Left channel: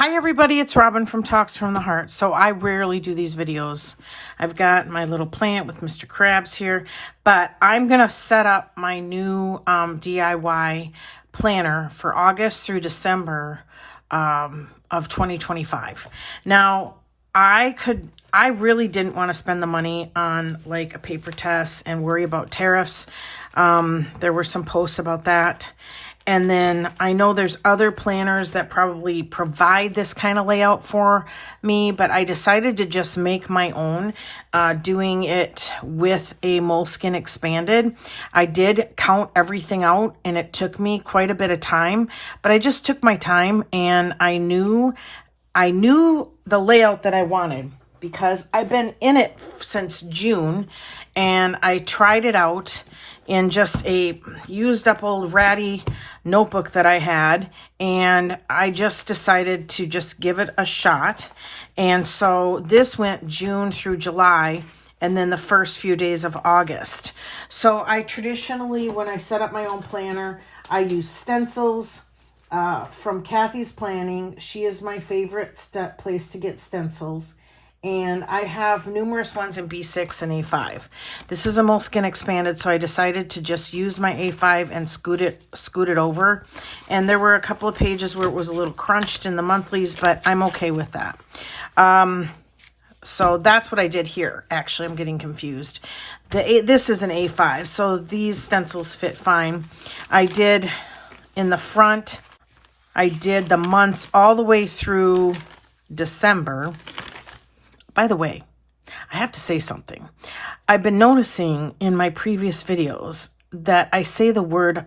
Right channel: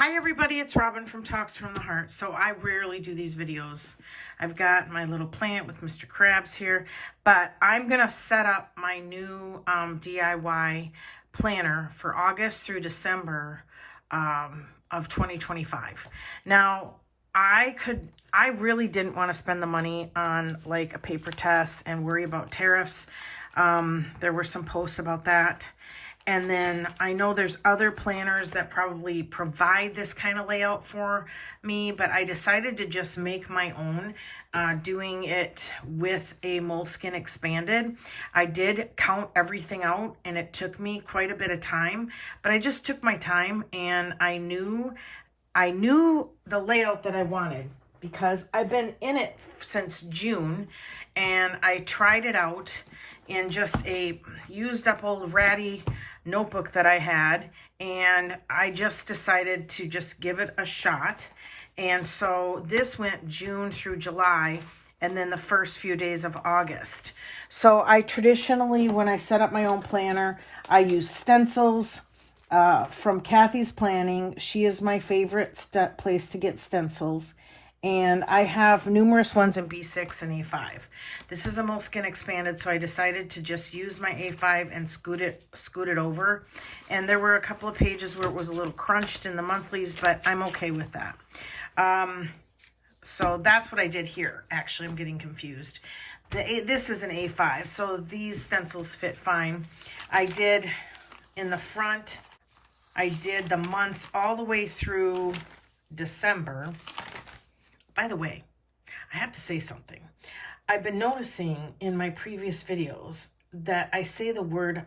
Hi everybody, it's Robin from Talks from the Heart. So I rarely do these videos. I've got my little plant with Mr. Krabs here, but I'm going to set up my new DIY planner for August through December of 2025. Now, I really didn't want to spend the money on like a paper test and worry about tariffs. There were some posts about that. And then I know there's other planners that probably provide this kind of layout for me, but I decided to just make my own, doing it with a Moleskine Expanded. I did count everything out and it took me quite a bit of time, but I just took my time and I knew the layout that I wanted because I've been in it since June and I tried it out in just a used up old ratty notebook that I had, and I just decided to just give it a shot. And so this went June through July and then the first few days of August. So I traditionally, when I set up my own planner, I use Stencils from Kathie's Planning. She is my favorite place to get stencils. And I have numerous ones in B6 and A5. This is a Moleskine Expanded, so I decided to just use my A5 and scoot it over. And there were a couple of pages where it was a little crunched in the monthlies, but I'm okay with that. So that's what I did here. Actually, I'm getting confused. This is an A5, so these stencils fit fine. I did in the front, I did the months all the way through December. By the way, I have to say something. I've been noticing in my previous videos that I say the word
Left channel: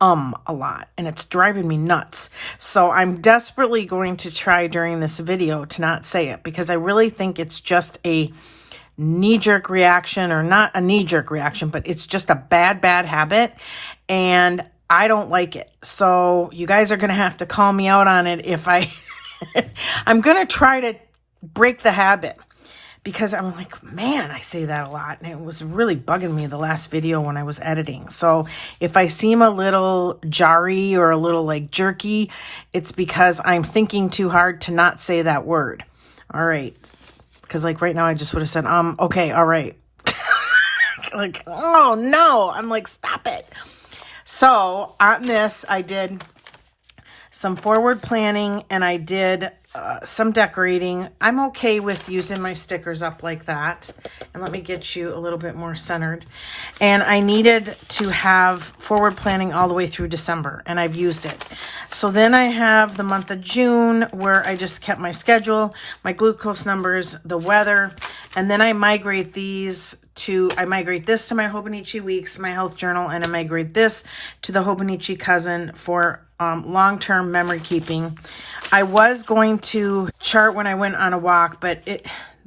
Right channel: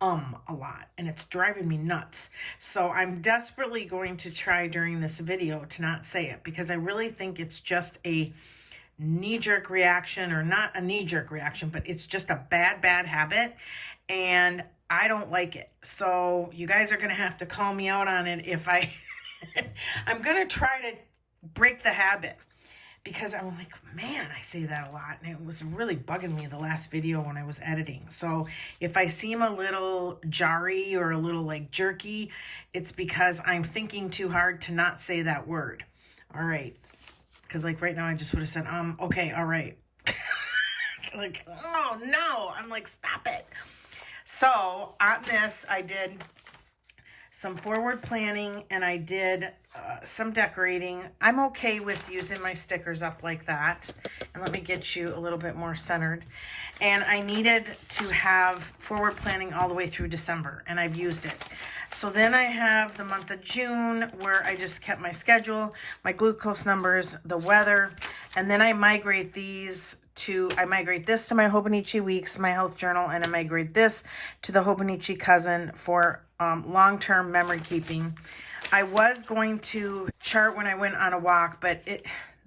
a lot, and it's driving me nuts. So I'm desperately going to try during this video to not say it because I really think it's just a knee-jerk reaction, or not a knee-jerk reaction, but it's just a bad habit, and I don't like it. So you guys are going to have to call me out on it if I'm going to try to break the habit, because I'm like, man, I say that a lot, and it was really bugging me the last video when I was editing. So if I seem a little jarry or a little like jerky, it's because I'm thinking too hard to not say that word. All right, because like right now I just would have said okay, all right. Like, oh no, I'm like, stop it. So on this I did some forward planning and I did some decorating. I'm okay with using my stickers up like that. And let me get you a little bit more centered. And I needed to have forward planning all the way through December, and I've used it. So then I have the month of June where I just kept my schedule, my glucose numbers, the weather, and then I migrate this to my Hobonichi Weeks, my health journal, and I migrate this to the Hobonichi Cousin for long-term memory keeping. I was going to chart when I went on a walk, but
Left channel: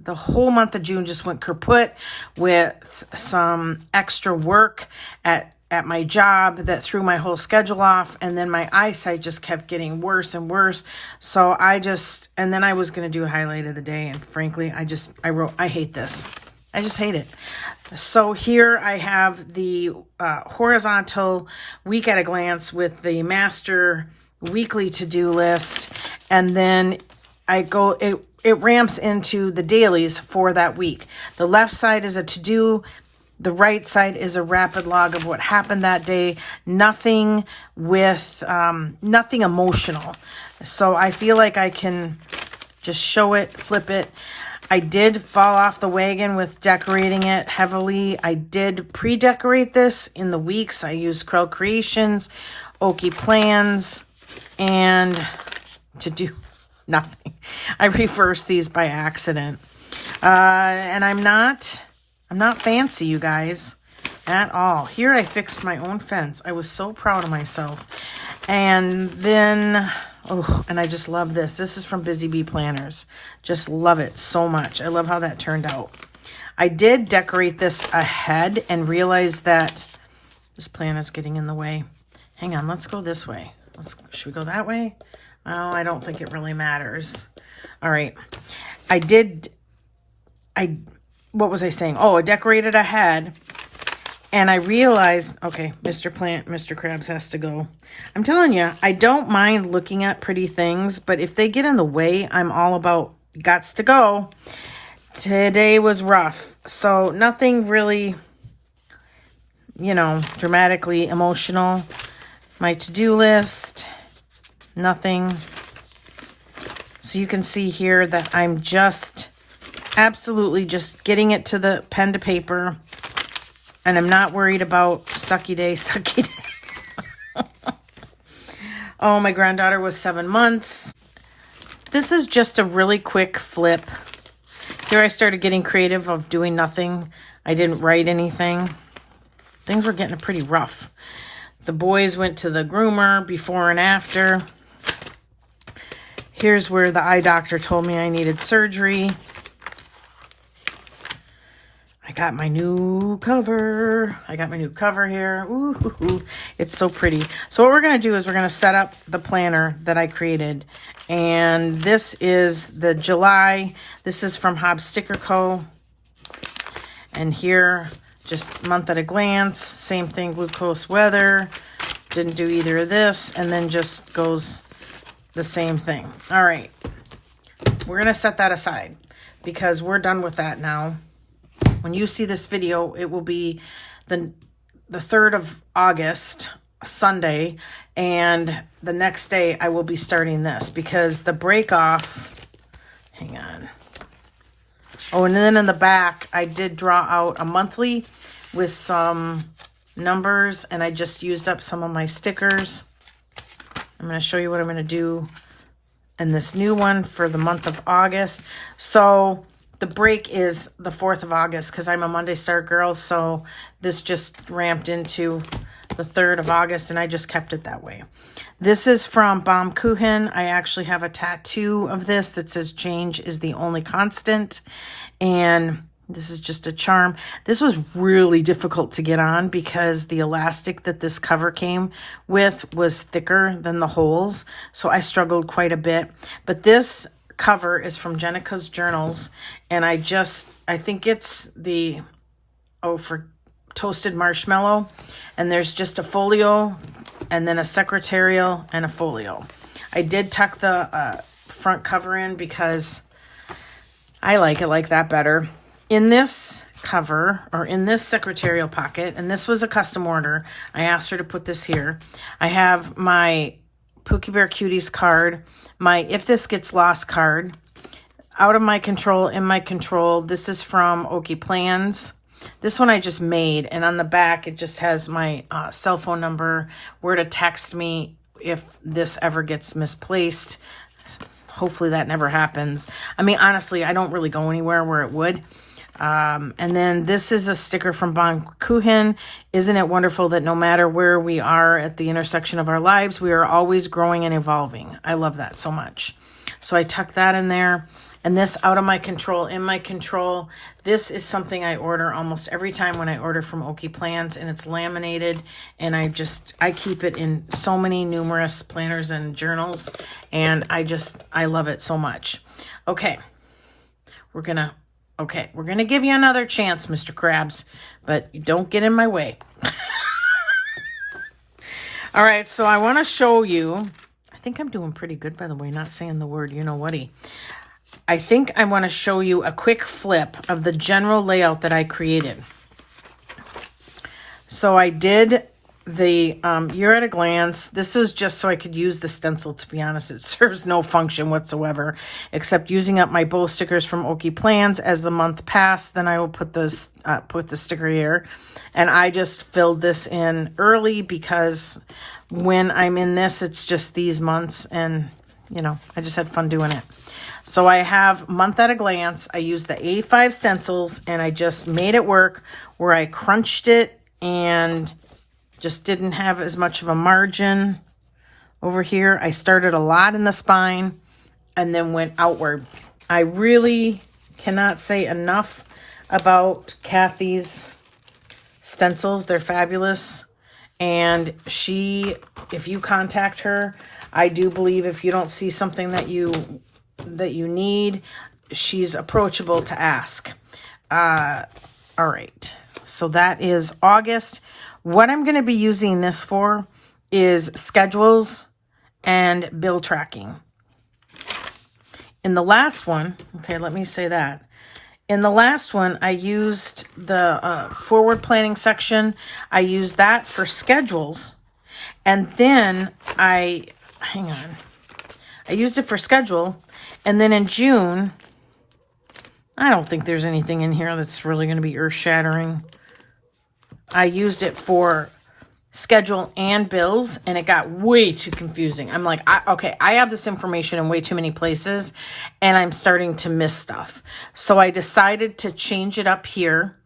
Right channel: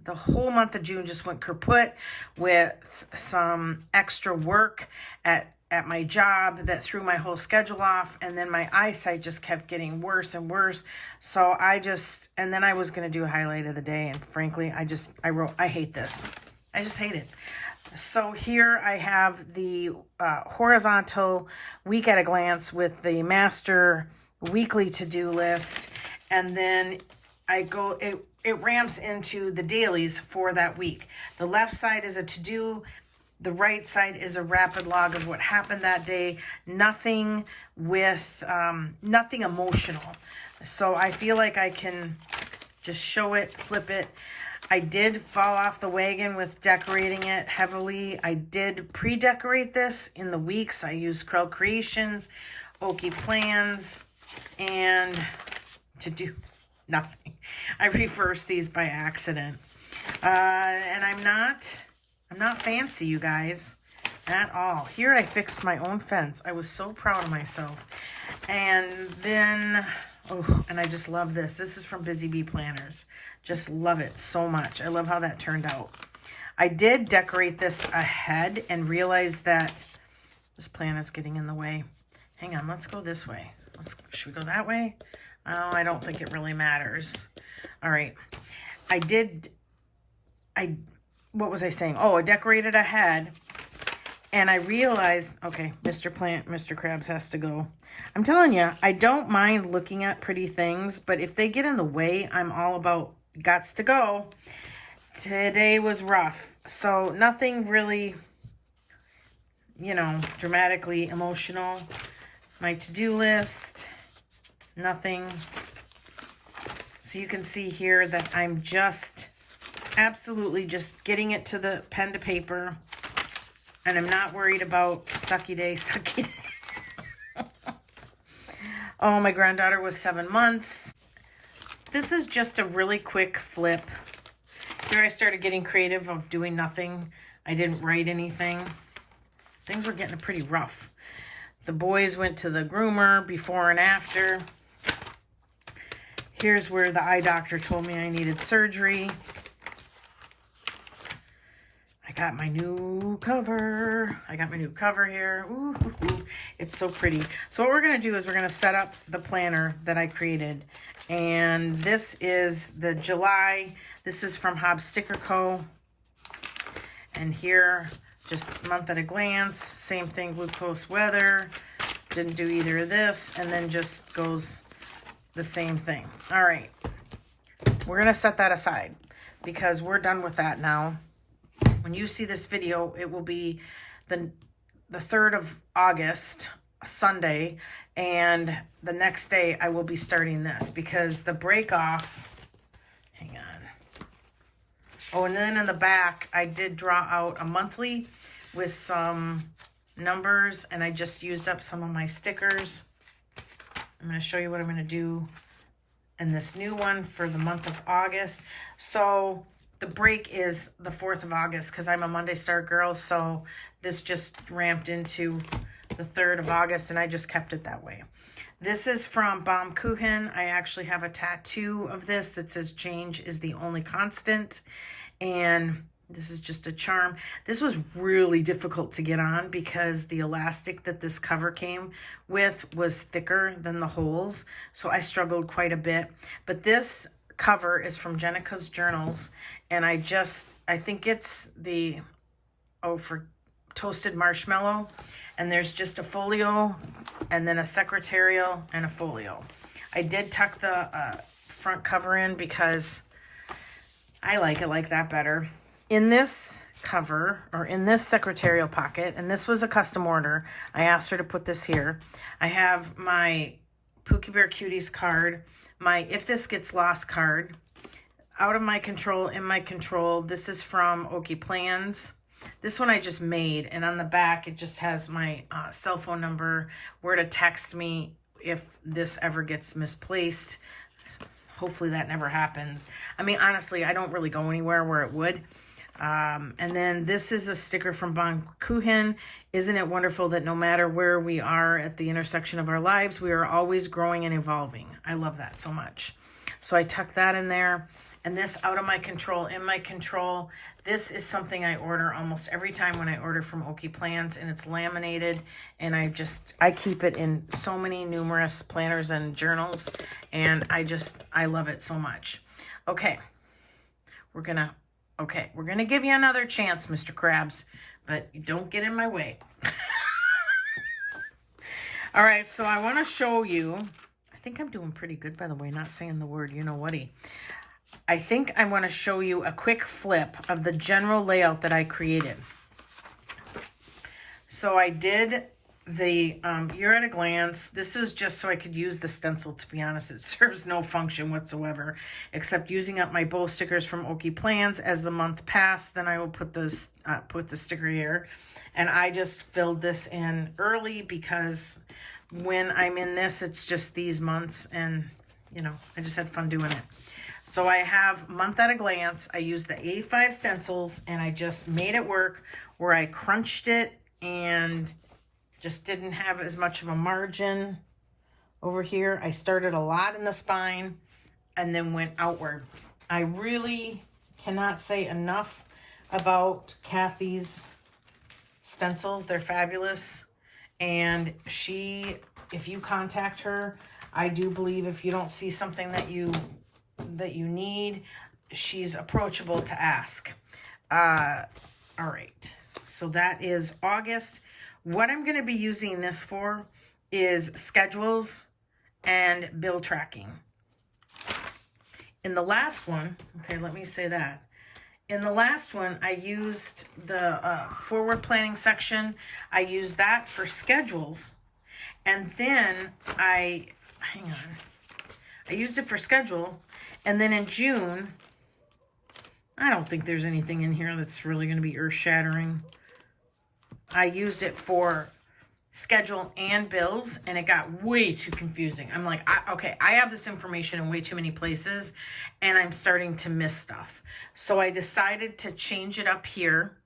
the whole month of June just went kaput with some extra work at my job that threw my whole schedule off, and then my eyesight just kept getting worse and worse. So and then I was going to do a highlight of the day, and frankly, I wrote, I hate this. I just hate it. So here I have the horizontal week at a glance with the master weekly to-do list, and then it ramps into the dailies for that week. The left side is a to-do, the right side is a rapid log of what happened that day. Nothing emotional. So I feel like I can just show it, flip it. I did fall off the wagon with decorating it heavily. I did pre-decorate this in the weeks. I used Krels Creations, Okie Plans, and to do nothing. I reversed these by accident. And I'm not fancy, you guys, at all. Here I fixed my own fence. I was so proud of myself. And then, and I just love this. This is from Busy Bee Planners. Just love it so much. I love how that turned out. I did decorate this ahead and realized that this plant is getting in the way. Hang on, let's go this way. Should we go that way? Oh, I don't think it really matters. All right. What was I saying? Oh, I decorated ahead. And I realized, okay, Mr. Plant, Mr. Krabs has to go. I'm telling you, I don't mind looking at pretty things, but if they get in the way, I'm all about gots to go. Today was rough, so nothing really, you know, dramatically emotional. My to-do list, nothing. So you can see here that I'm just absolutely just getting it to the pen to paper. And I'm not worried about sucky day, sucky day. Oh, my granddaughter was 7 months. This is just a really quick flip. Here I started getting creative of doing nothing. I didn't write anything. Things were getting pretty rough. The boys went to the groomer before and after. Here's where the eye doctor told me I needed surgery. I got my new cover. I got my new cover here. Ooh, it's so pretty. So what we're going to do is we're going to set up the planner that I created. And this is the July. This is from Hobbs Sticker Co. And here, just month at a glance. Same thing, glucose weather. Didn't do either of this. And then just goes the same thing. All right. We're going to set that aside because we're done with that now. When you see this video, it will be the 3rd of August, Sunday, and the next day I will be starting this because the break off, hang on. Oh, and then in the back, I did draw out a monthly with some numbers, and I just used up some of my stickers. I'm going to show you what I'm going to do in this new one for the month of August. So the break is the 4th of August because I'm a Monday start girl. So this just ramped into the 3rd of August and I just kept it that way. This is from Baumkuchen. I actually have a tattoo of this that says change is the only constant. And this is just a charm. This was really difficult to get on because the elastic that this cover came with was thicker than the holes. So I struggled quite a bit. But this cover is from Jenikas Journals, and I think it's the for toasted marshmallow, and there's just a folio and then a secretarial and a folio. I did tuck the front cover in because I like it like that better. In this cover, or in this secretarial pocket, and this was a custom order, I asked her to put this here. I have my Pookie Bear Cuties card, my If This Gets Lost card, Out of My Control, In My Control. This is from Okie Plans. This one I just made, and on the back it just has my cell phone number, where to text me if this ever gets misplaced. Hopefully that never happens. I mean, honestly, I don't really go anywhere where it would. And then this is a sticker from Baumkuchen. Isn't it wonderful that no matter where we are at the intersection of our lives, we are always growing and evolving. I love that so much. So I tucked that in there. And this Out of My Control, In My Control. This is something I order almost every time when I order from Okie Plans, and it's laminated. And I keep it in so many numerous planners and journals, and I love it so much. Okay, we're gonna give you another chance, Mr. Krabs, but don't get in my way. All right, so I want to show you. I think I'm doing pretty good, by the way, not saying the word you-know-whaty. I think I want to show you a quick flip of the general layout that I created. So I did the You're at a Glance. This was just so I could use the stencil, to be honest. It serves no function whatsoever, except using up my bow stickers from Okie Plans. As the month passed, then I will put the sticker here. And I just filled this in early because when I'm in this, it's just these months. And, you know, I just had fun doing it. So I have Month at a Glance. I used the A5 stencils and I just made it work where I crunched it and just didn't have as much of a margin over here. I started a lot in the spine and then went outward. I really cannot say enough about Kathie's stencils. They're fabulous. And if you contact her, I do believe if you don't see something that you need, she's approachable to ask. All right. So that is August. What I'm going to be using this for is schedules and bill tracking. In the last one, okay, let me say that. In the last one, I used the forward planning section. I used that for schedules. And then I used it for schedule. And then in June, I don't think there's anything in here that's really going to be earth-shattering. I used it for schedule and bills, and it got way too confusing. I'm like, okay, I have this information in way too many places, and I'm starting to miss stuff. So I decided to change it up here.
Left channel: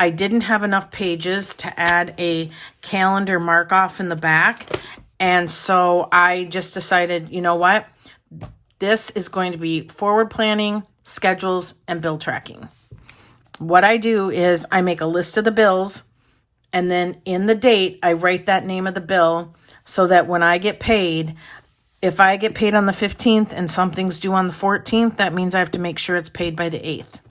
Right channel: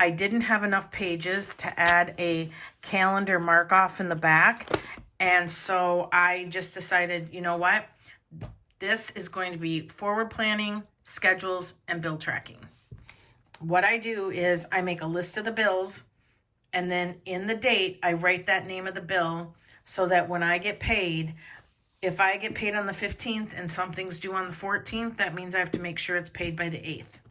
I didn't have enough pages to add a calendar mark off in the back, and so I just decided, you know what? This is going to be forward planning, schedules, and bill tracking. What I do is I make a list of the bills, and then in the date, I write that name of the bill so that when I get paid, if I get paid on the 15th and something's due on the 14th, that means I have to make sure it's paid by the 8th.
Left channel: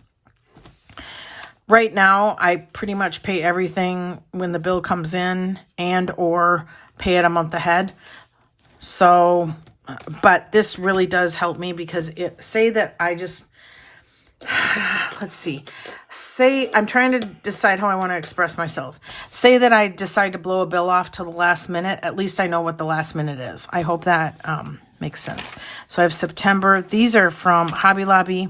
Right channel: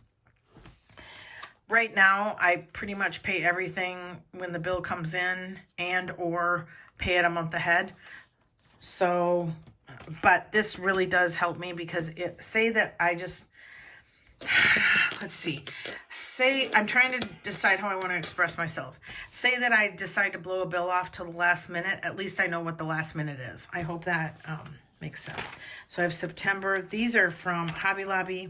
Right now, I pretty much pay everything when the bill comes in and or pay it a month ahead. So, but this really does help me because say that I just, let's see. Say, I'm trying to decide how I want to express myself. Say that I decide to blow a bill off to the last minute. At least I know what the last minute is. I hope that makes sense. So I have September. These are from Hobby Lobby.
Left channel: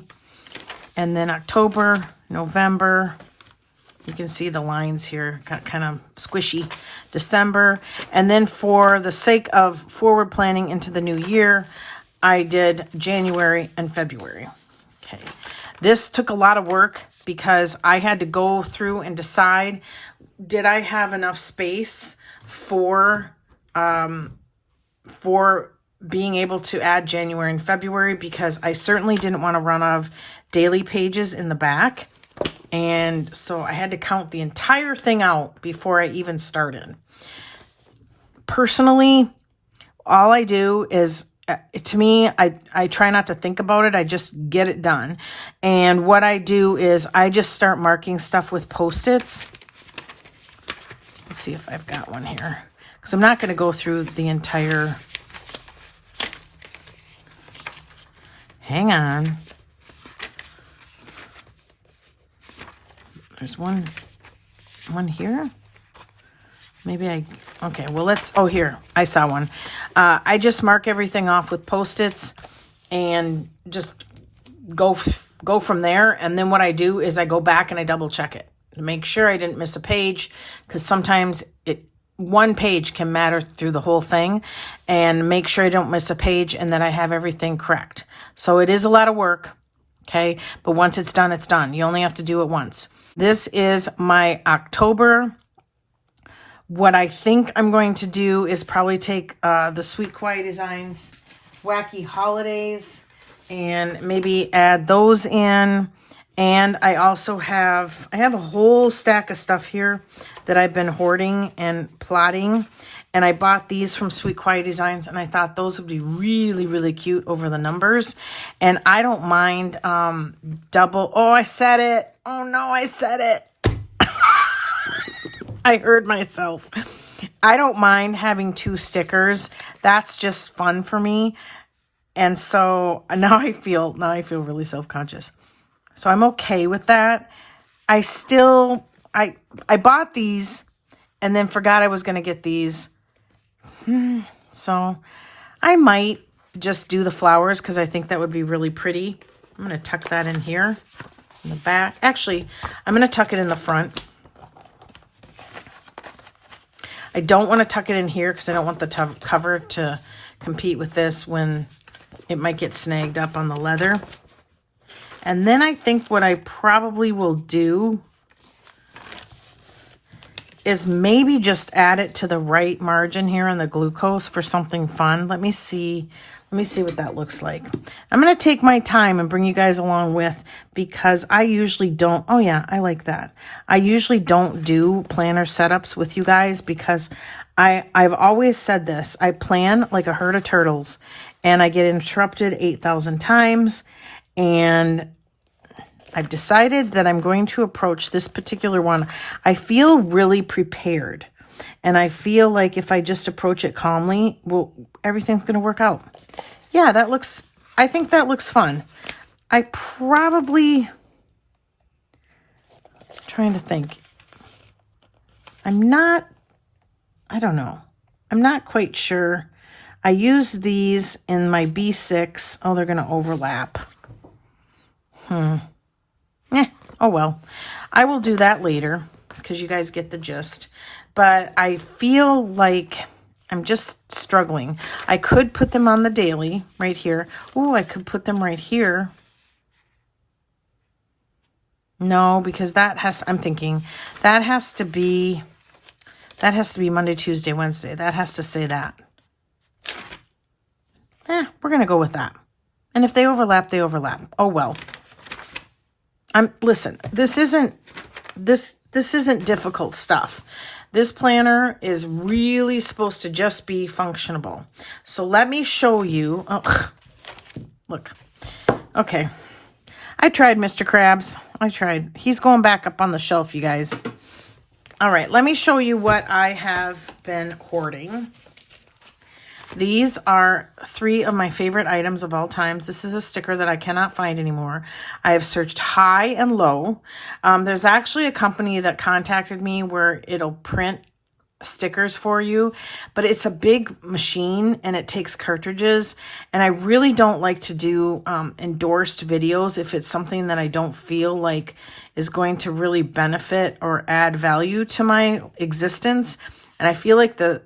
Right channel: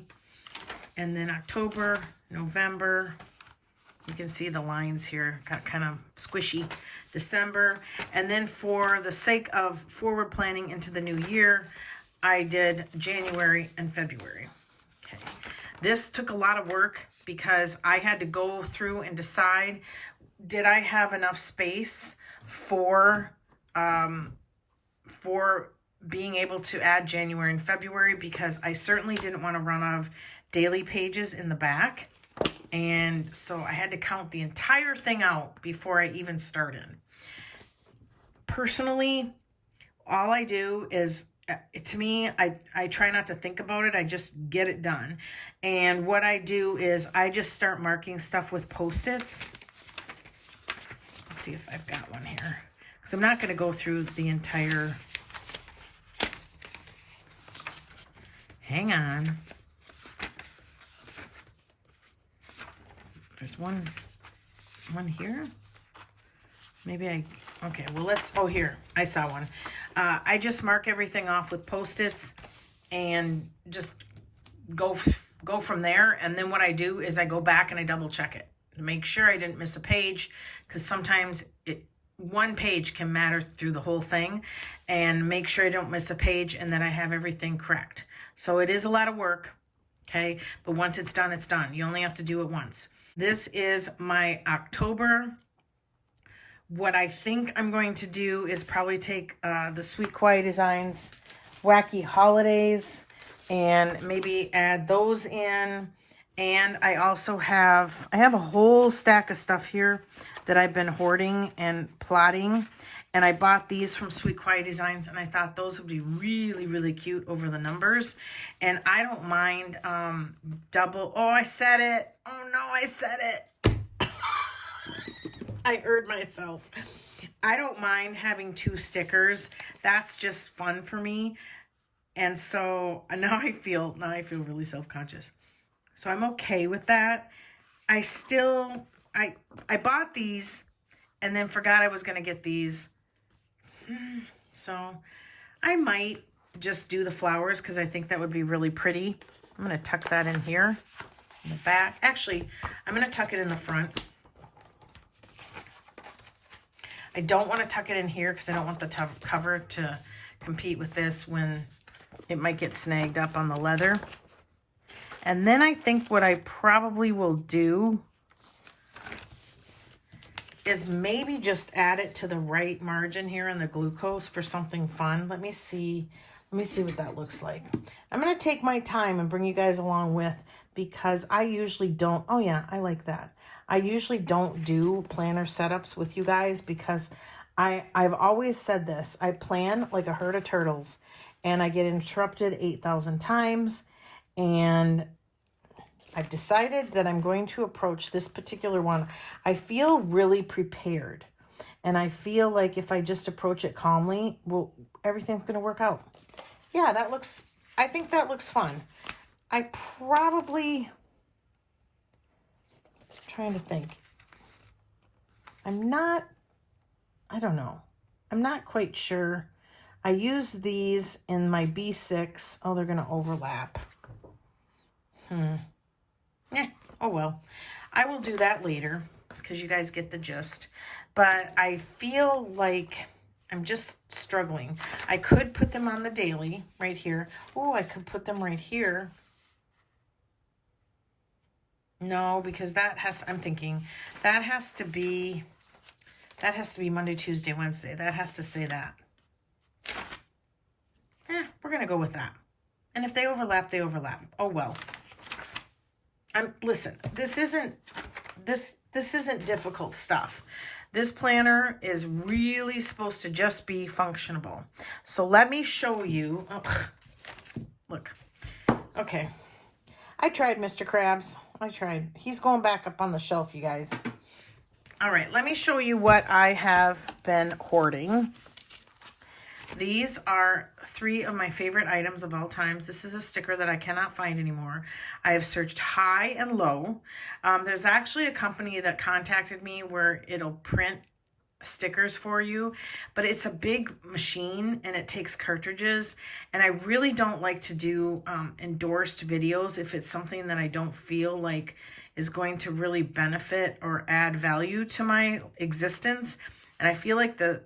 And then October, November. You can see the lines here. Got kind of squishy. December. And then for the sake of forward planning into the new year, I did January and February. Okay. This took a lot of work because I had to go through and decide, did I have enough space for being able to add January and February, because I certainly didn't want to run out of daily pages in the back. And so I had to count the entire thing out before I even started. Personally, all I do is, to me, I try not to think about it. I just get it done. And what I do is I just start marking stuff with Post-its. Let's see if I've got one here. Because I'm not going to go through the entire... Hang on. There's one here. Maybe okay, well, here, I saw one. I just mark everything off with Post-its and just go from there. And then what I do is I go back and I double check it to make sure I didn't miss a page, because sometimes one page can matter through the whole thing, and make sure I don't miss a page and that I have everything correct. So it is a lot of work, okay? But once it's done, it's done. You only have to do it once. This is my October. What I think I'm going to do is probably take the Sweet Quiet Designs Wacky Holidays and maybe add those in. And I also have a whole stack of stuff here that I've been hoarding and plotting. And I bought these from Sweet Quiet Designs, and I thought those would be really, really cute over the numbers. And I don't mind double. Oh, I said it. Oh, no, I said it. I heard myself. I don't mind having 2 stickers. That's just fun for me. And so now I feel really self-conscious. So I'm okay with that. I bought these and then forgot I was going to get these. So I might just do the flowers because I think that would be really pretty. I'm going to tuck that in here in the back. Actually, I'm going to tuck it in the front. I don't want to tuck it in here because I don't want the cover to compete with this when it might get snagged up on the leather. And then I think what I probably will do is maybe just add it to the right margin here on the glucose for something fun. Let me see what that looks like. I'm going to take my time and bring you guys along with, because I usually don't, oh yeah, I like that. I usually don't do planner setups with you guys because I've always said this. I plan like a herd of turtles and I get interrupted 8,000 times, and I've decided that I'm going to approach this particular one. I feel really prepared. And I feel like if I just approach it calmly, well, everything's going to work out. Yeah, I think that looks fun. I probably, trying to think. I don't know. I'm not quite sure. I use these in my B6. Oh, they're going to overlap. Oh well. I will do that later because you guys get the gist. But I feel like I'm just struggling. I could put them on the daily right here. Oh, I could put them right here. No, because I'm thinking that has to be Monday, Tuesday, Wednesday. That has to say that. We're going to go with that. And if they overlap, they overlap. Oh, well. Listen, this isn't difficult stuff. This planner is really supposed to just be functionable. So let me show you. Oh, look. Okay. I tried, Mr. Krabs. I tried. He's going back up on the shelf, you guys. All right, let me show you what I have been hoarding. These are 3 of my favorite items of all times. This is a sticker that I cannot find anymore. I have searched high and low. There's actually a company that contacted me where it'll print stickers for you, but it's a big machine and it takes cartridges, and I really don't like to do endorsed videos if it's something that I don't feel like is going to really benefit or add value to my existence, and I feel like the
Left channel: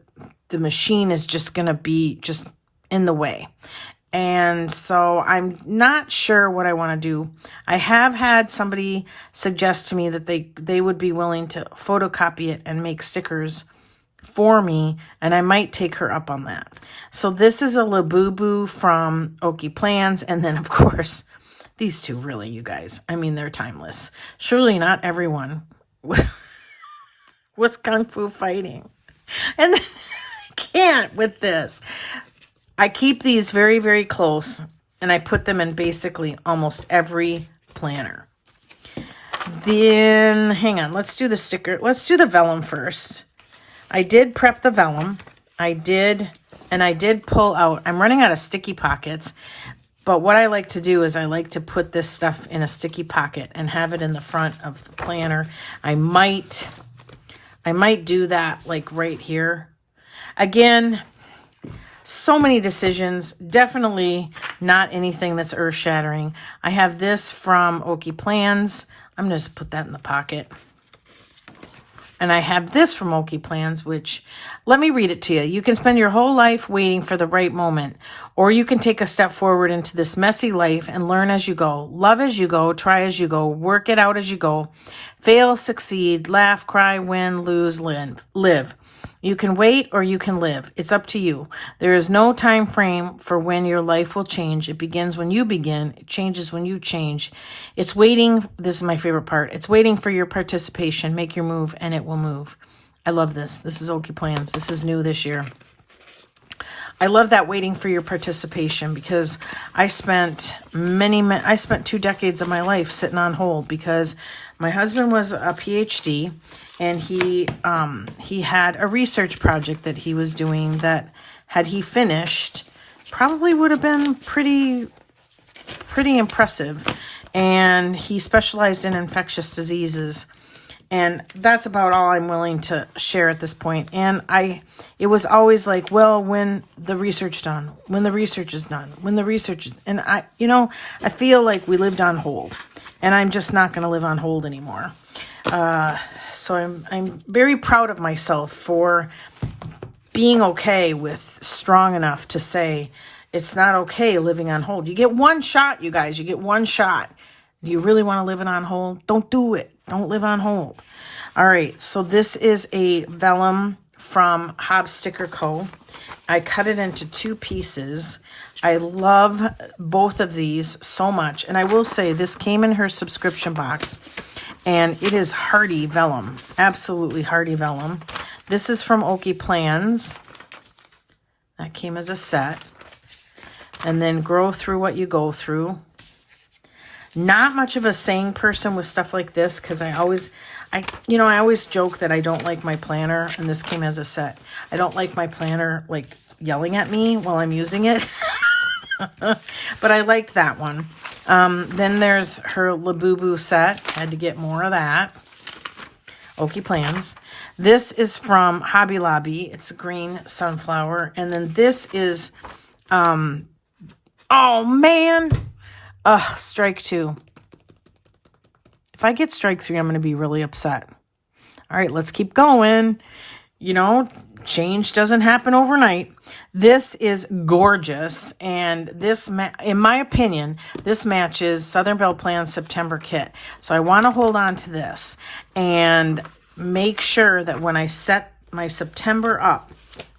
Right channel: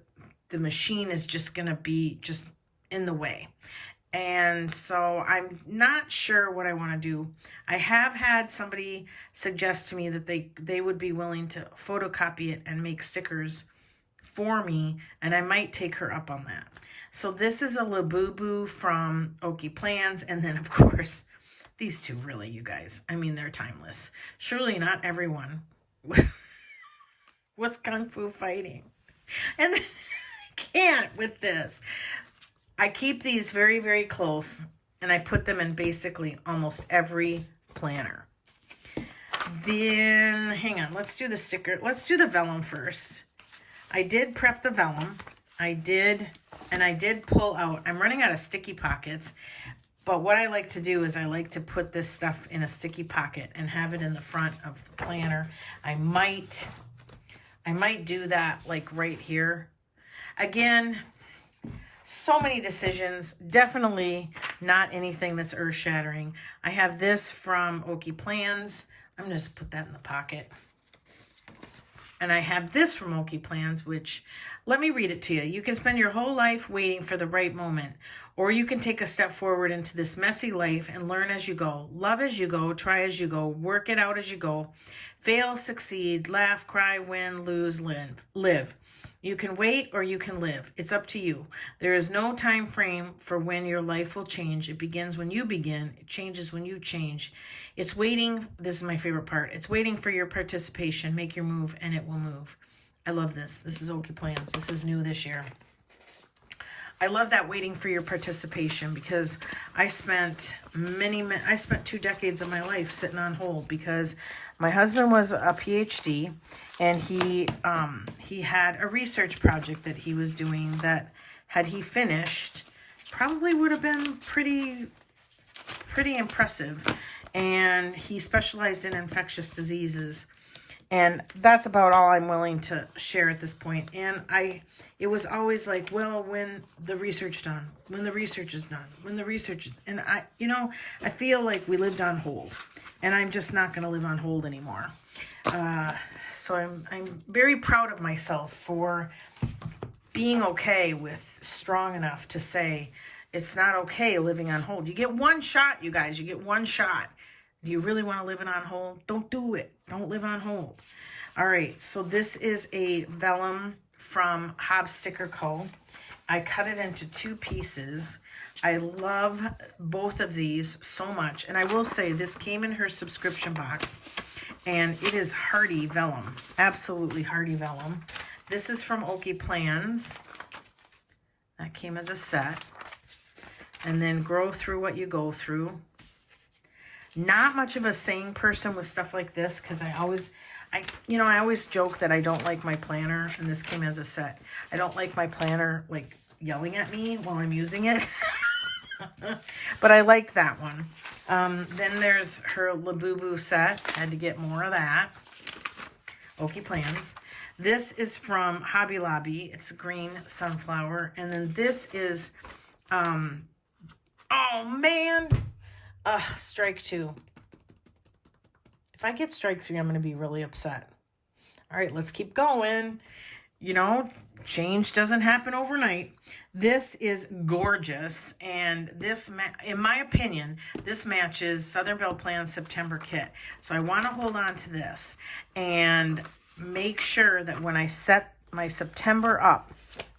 machine is just going to be just in the way. And so I'm not sure what I want to do. I have had somebody suggest to me that they would be willing to photocopy it and make stickers for me, and I might take her up on that. So this is a Labubu from Okie Plans, and then of course these two, really, you guys. I mean, they're timeless. Surely not everyone was Kung Fu fighting. And then I can't with this. I keep these very, very close, and I put them in basically almost every planner. Then, hang on, let's do the sticker. Let's do the vellum first. I did prep the vellum. I did pull out. I'm running out of sticky pockets, but what I like to do is I like to put this stuff in a sticky pocket and have it in the front of the planner. I might do that like right here. Again, so many decisions, definitely not anything that's earth-shattering. I have this from Okie Plans. I'm going to just put that in the pocket. And I have this from Okie Plans, which, let me read it to you. You can spend your whole life waiting for the right moment, or you can take a step forward into this messy life and learn as you go. Love as you go, try as you go, work it out as you go. Fail, succeed, laugh, cry, win, lose, live. You can wait or you can live. It's up to you. There is no time frame for when your life will change. It begins when you begin. It changes when you change. It's waiting. This is my favorite part. It's waiting for your participation. Make your move and it will move. I love this. This is Okie Plans. This is new this year. I love that waiting for your participation because I spent 2 decades of my life sitting on hold because my husband was a PhD and he had a research project that he was doing that, had he finished, probably would have been pretty impressive. And he specialized in infectious diseases. And that's about all I'm willing to share at this point. And it was always like, well, when the research is done, and I feel like we lived on hold, and I'm just not going to live on hold anymore. So I'm very proud of myself for being okay with strong enough to say it's not okay living on hold. You get one shot, you guys. You get one shot. Do you really want to live on hold? Don't do it. Don't live on hold. All right, so this is a vellum from Hobbs Sticker Co. I cut it into 2 pieces. I love both of these so much. And I will say this came in her subscription box. And it is hardy vellum. Absolutely hardy vellum. This is from Okie Plans. That came as a set. And then Grow Through What You Go Through. Not much of a saying person with stuff like this because I always joke that I don't like my planner, and this came as a set. I don't like my planner like yelling at me while I'm using it. But I like that one. Then there's her Labubu set. Had to get more of that. Okie Plans. This is from Hobby Lobby. It's a green sunflower. And then this is, oh man. Strike 2. If I get strike 3, I'm going to be really upset. All right, let's keep going. You know, change doesn't happen overnight. This is gorgeous, and this, in my opinion, this matches Southern Belle Plan's September kit. So I want to hold on to this and make sure that when I set my September up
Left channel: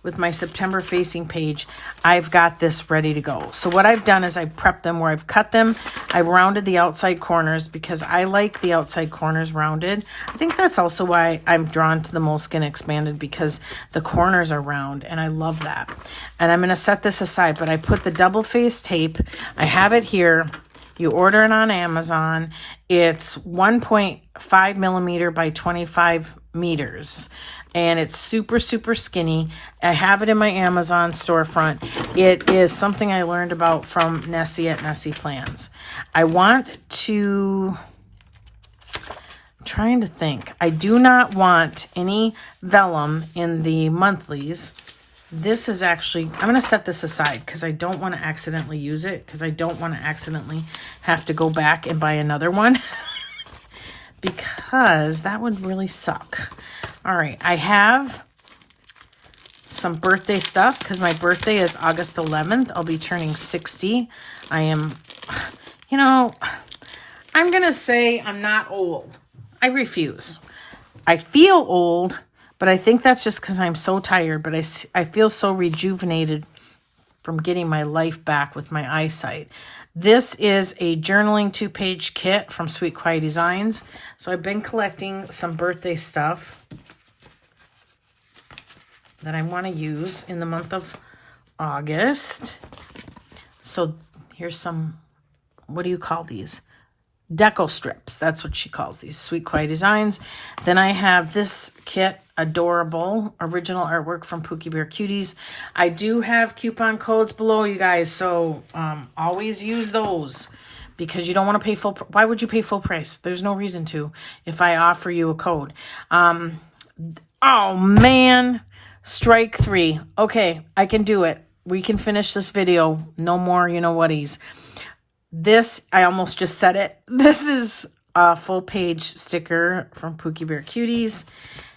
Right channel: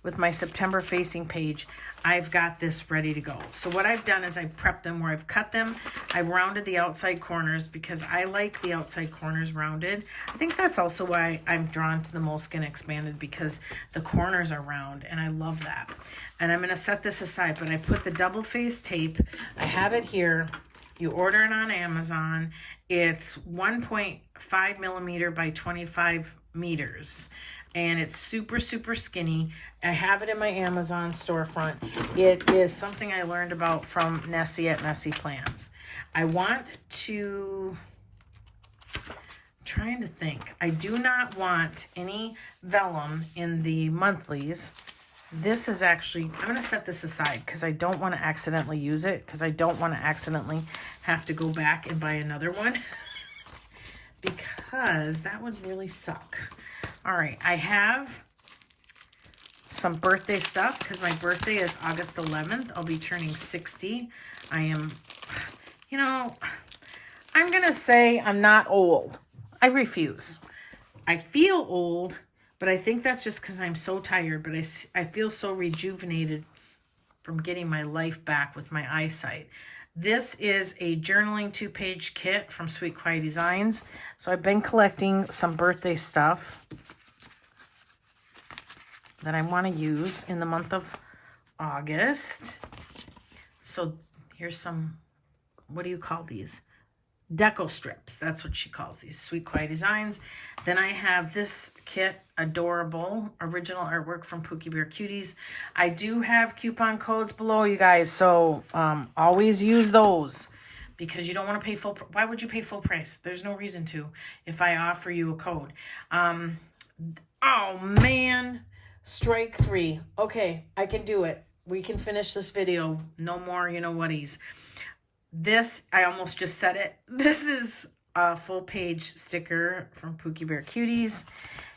with my September facing page, I've got this ready to go. So what I've done is I prepped them where I've cut them. I've rounded the outside corners because I like the outside corners rounded. I think that's also why I'm drawn to the Moleskine Expanded, because the corners are round and I love that. And I'm going to set this aside, but I put the double face tape. I have it here. You order it on Amazon. It's 1.5 millimeter by 25 meters. And it's super, super skinny. I have it in my Amazon storefront. It is something I learned about from Nessie at Nessie Plans. I want to, I'm trying to think. I do not want any vellum in the monthlies. This is actually, I'm going to set this aside because I don't want to accidentally use it, because I don't want to accidentally have to go back and buy another one because that would really suck. All right, I have some birthday stuff because my birthday is August 11th. I'll be turning 60. I am, you know, I'm going to say I'm not old. I refuse. I feel old, but I think that's just because I'm so tired. But I feel so rejuvenated from getting my life back with my eyesight. This is a journaling 2-page kit from Sweet Quiet Designs. So I've been collecting some birthday stuff that I want to use in the month of August. So here's some, what do you call these? Deco strips. That's what she calls these, Sweet Quiet Designs. Then I have this kit, adorable original artwork from Pookie Bear Cuties. I do have coupon codes below, you guys, so always use those because you don't want to pay full. Why would you pay full price? There's no reason to if I offer you a code. Oh man. Strike 3. Okay, I can do it. We can finish this video. No more you-know-whaties. This, I almost just said it. This is a full-page sticker from Pookie Bear Cuties.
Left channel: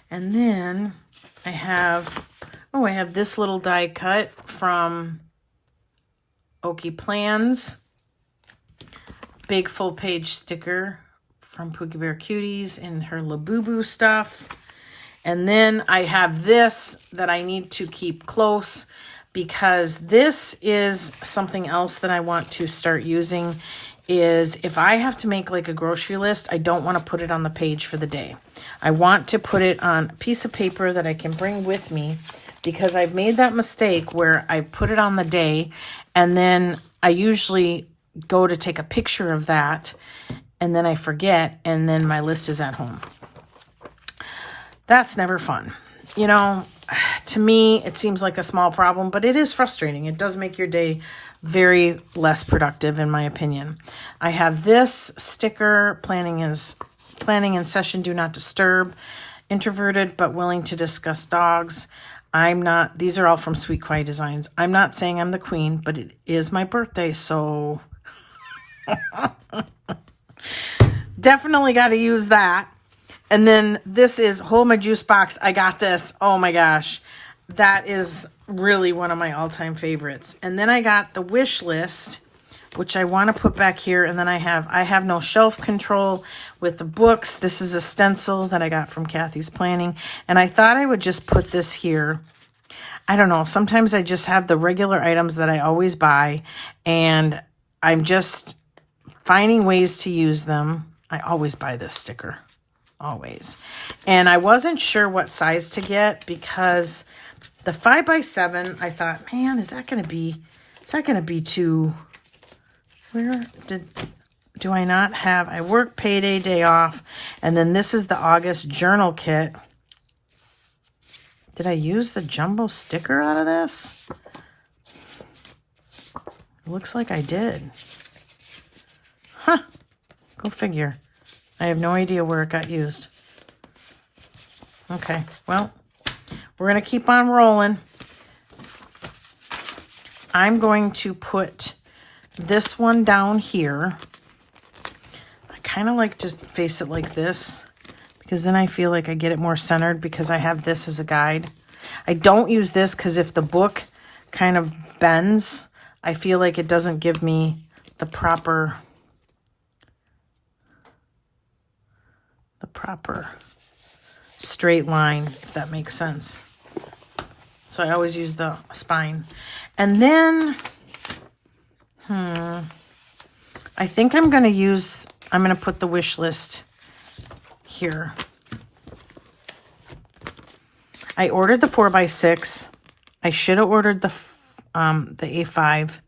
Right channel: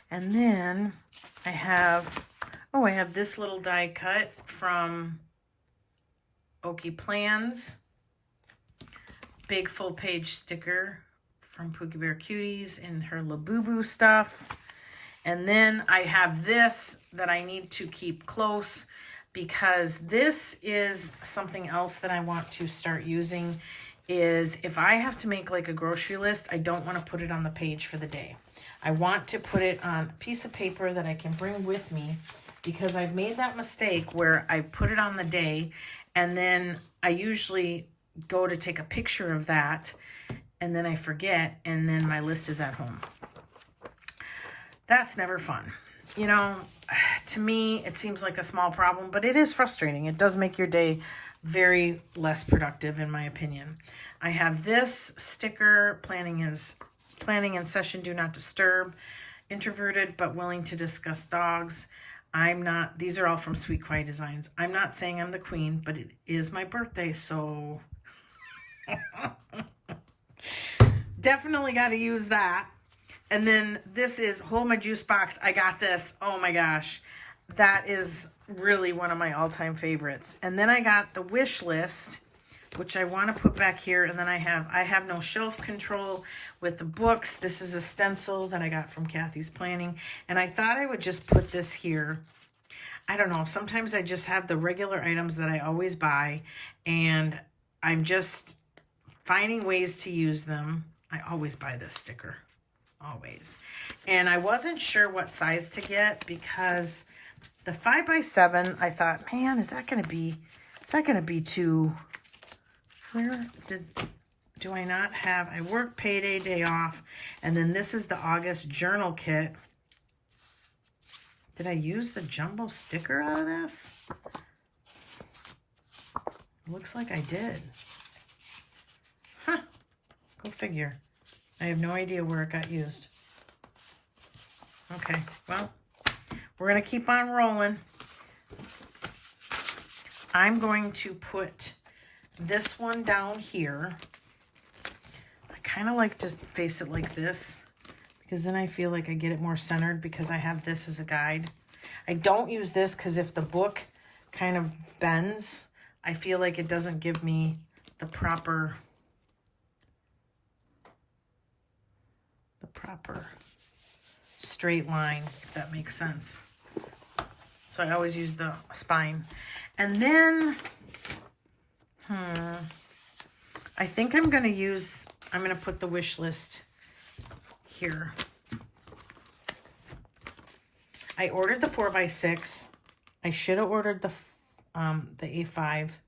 And then I have this little die cut from Okie Plans. Big full-page sticker from Pookie Bear Cuties and her Labubu stuff. And then I have this that I need to keep close because this is something else that I want to start using. Is if I have to make like a grocery list, I don't want to put it on the page for the day. I want to put it on a piece of paper that I can bring with me, because I've made that mistake where I put it on the day and then I usually go to take a picture of that and then I forget, and then my list is at home. That's never fun. You know, to me, it seems like a small problem, but it is frustrating. It does make your day very less productive, in my opinion. I have this sticker, planning in session, do not disturb, introverted but willing to discuss dogs. These are all from Sweet Quiet Designs. I'm not saying I'm the queen, but it is my birthday, so definitely got to use that. And then this is Hold My Juice Box. I got this. Oh my gosh. That is really one of my all-time favorites. And then I got the wish list, which I want to put back here. And then I have no shelf control with the books. This is a stencil that I got from Kathie's Planning. And I thought I would just put this here. I don't know. Sometimes I just have the regular items that I always buy, and I'm just finding ways to use them. I always buy this sticker. Always. And I wasn't sure what size to get because the 5x7, I thought, man, is that going to be too, do I not have? I work payday, day off, and then this is the August journal kit. Did I use the jumbo sticker out of this? It looks like I did. Huh. Go figure. I have no idea where it got used. Okay, well, we're going to keep on rolling. I'm going to put this one down here. I kind of like to face it like this because then I feel like I get it more centered because I have this as a guide. I don't use this because if the book kind of bends, I feel like it doesn't give me the proper straight line, if that makes sense. So I always use the spine. And then, I think I'm going to put the wish list here. I ordered the 4x6. I should have ordered the A5,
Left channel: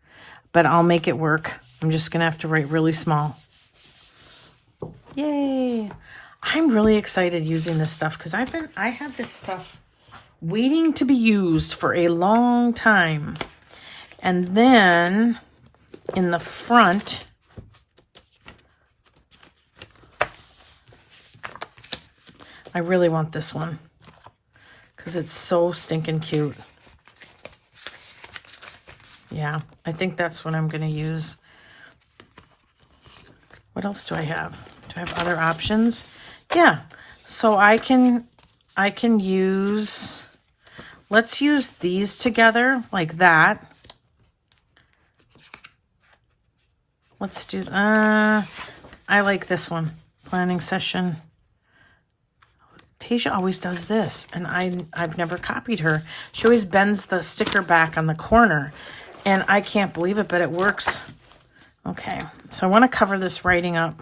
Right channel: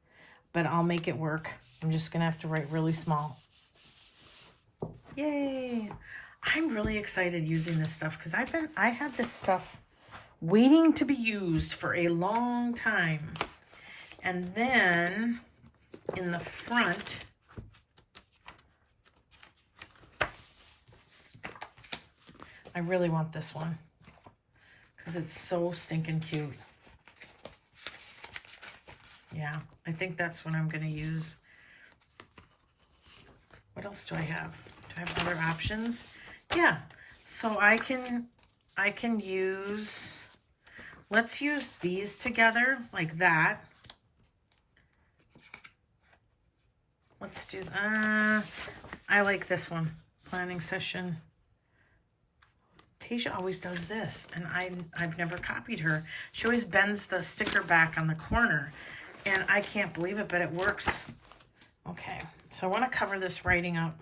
but I'll make it work. I'm just going to have to write really small. Yay. I'm really excited using this stuff because I have this stuff waiting to be used for a long time. And then in the front, I really want this one because it's so stinking cute. Yeah, I think that's what I'm going to use. What else do I have? Do I have other options? Yeah, so I can use, let's use these together like that. Let's do, I like this one, planning session. Tasia always does this, and I've never copied her. She always bends the sticker back on the corner, and I can't believe it, but it works. Okay, so I want to cover this writing up.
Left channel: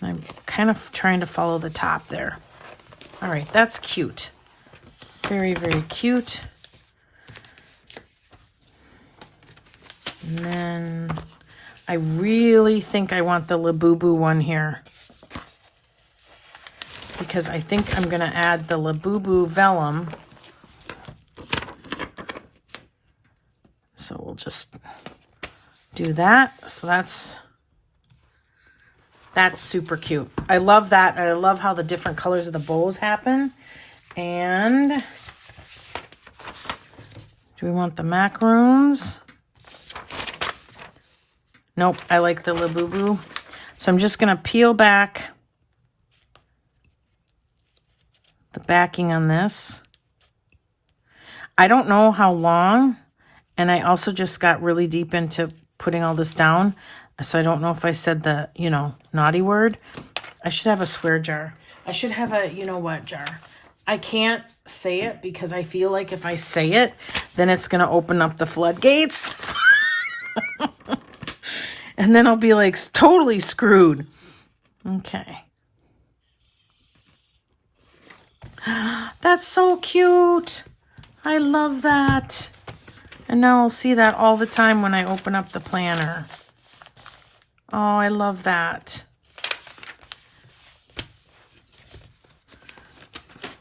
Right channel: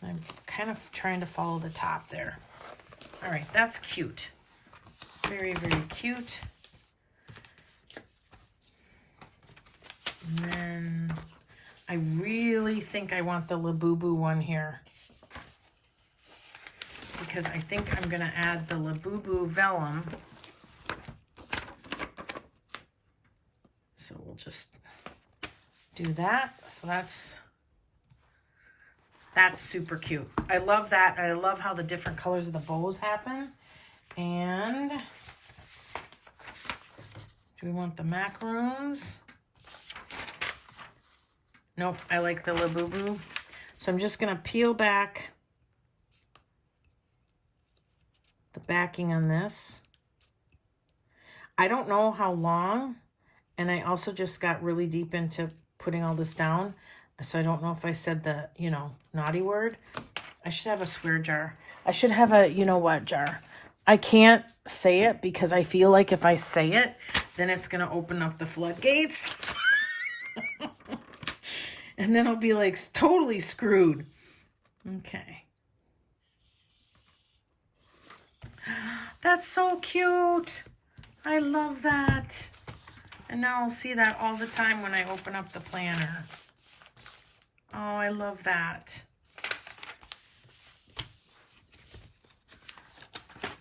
I'm kind of trying to follow the top there. All right, that's cute. Very, very cute. And then I really think I want the Labubu one here, because I think I'm going to add the Labubu vellum. So we'll just do that. So that's super cute. I love that. I love how the different colors of the bows happen. And do we want the macaroons? Nope, I like the Labubu. So I'm just going to peel back the backing on this. I don't know how long, and I also just got really deep into putting all this down. So I don't know if I said the, naughty word. I should have a swear jar. I should have a you-know-what jar. I can't say it because I feel like if I say it, then it's going to open up the floodgates. And then I'll be like totally screwed. Okay. That's so cute. I love that. And now I'll see that all the time when I open up the planner. Oh, I love that.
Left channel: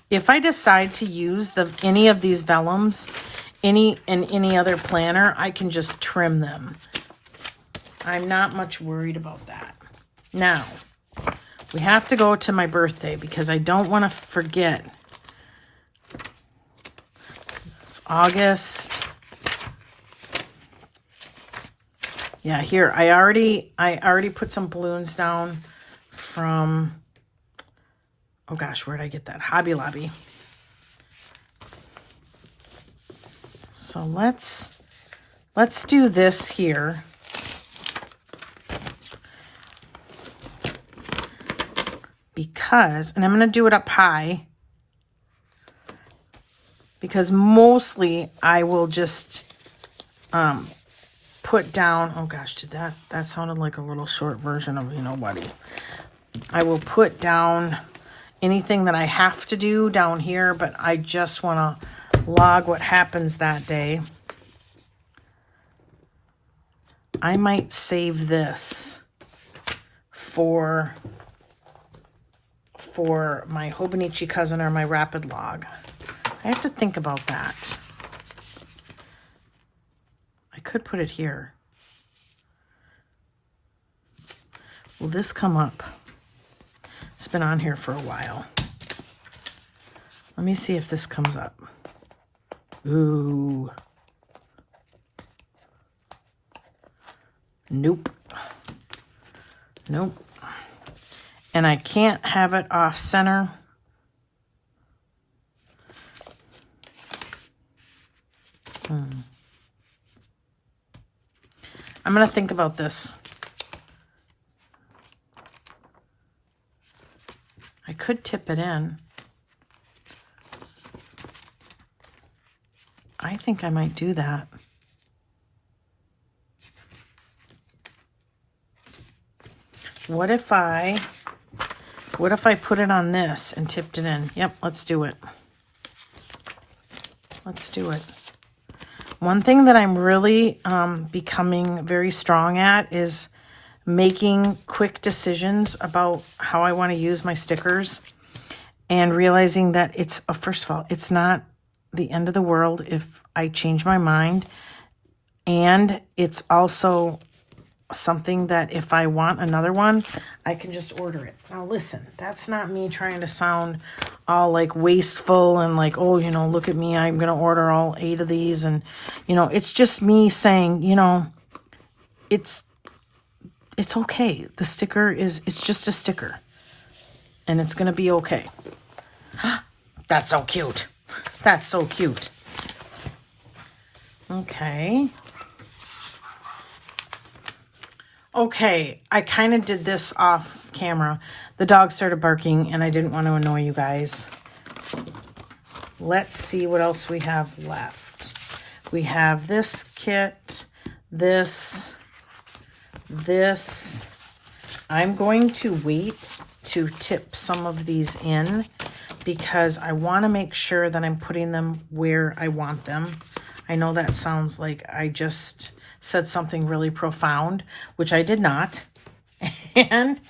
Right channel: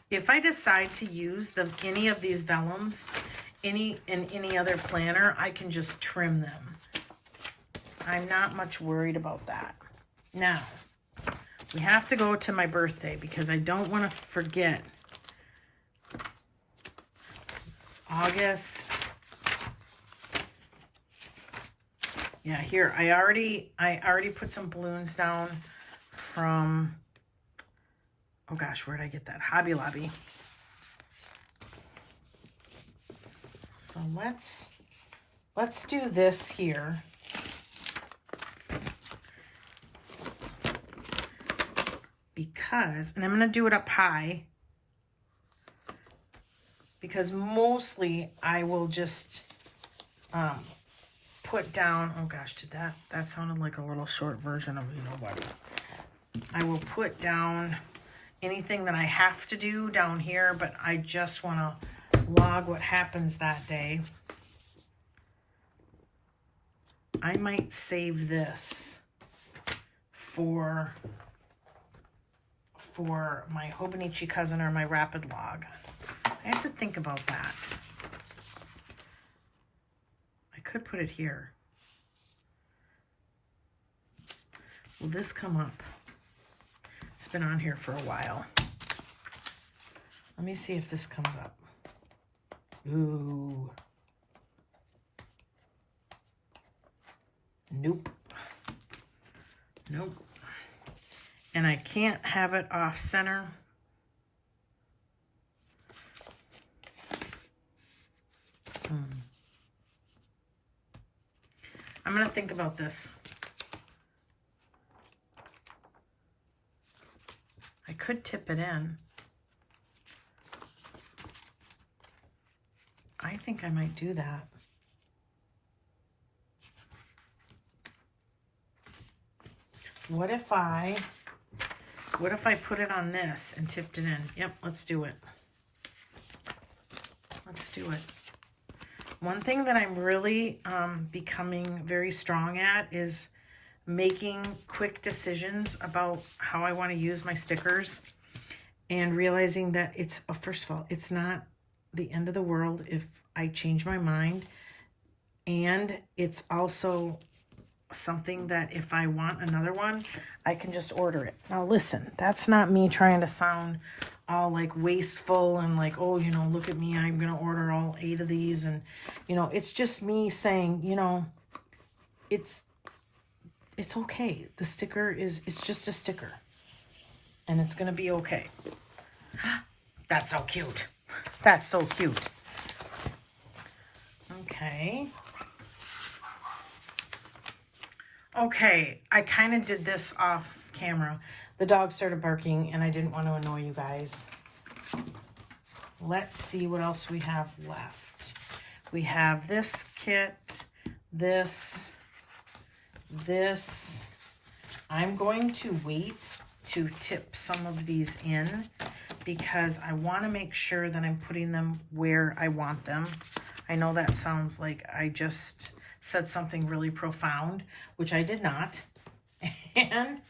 If I decide to use any of these vellums, in any other planner, I can just trim them. I'm not much worried about that. Now, we have to go to my birthday because I don't want to forget. It's August. Yeah, here, I already put some balloons down from, oh gosh, where'd I get that? Hobby Lobby. So let's do this here. Because, and I'm going to do it up high, because mostly I will just put down, oh gosh, that sounded like a little short version of what. I will put down anything that I have to do down here, but I just want to log what happens that day. I might save this for my Hobonichi cousin or my Rapid Log. I have to think about that. I could put it here. Will this come up? It's been on here for a while. Let me see if this comes up. Ooh. Nope. Nope. And I can't have it off center. I'm going to think about this. I could tip it in. I think I might do that. What if I put it on this and tipped it in? Yep, let's do it. Let's do it. One thing that I'm really becoming very strong at is making quick decisions about how I want to use my stickers, and realizing that it's, first of all, it's not the end of the world if I change my mind. And it's also something that if I want another one, I can just order it. Now listen, that's not me trying to sound all like wasteful and like, oh, you know, look at me, I'm going to order all 8 of these. And, you know, it's just me saying, you know, it's okay. The sticker it's just a sticker, and it's going to be okay. That's so cute. That's so cute. Okay. Okay, I kind of did this off camera. The dog started barking and I didn't want to annoy you guys. Let's see what else we have left. We have this kit, this. I'm going to wait to tip some of these in because I want to make sure that I'm putting them where I want them. I know that sounds like I just said something really profound, which I did not. And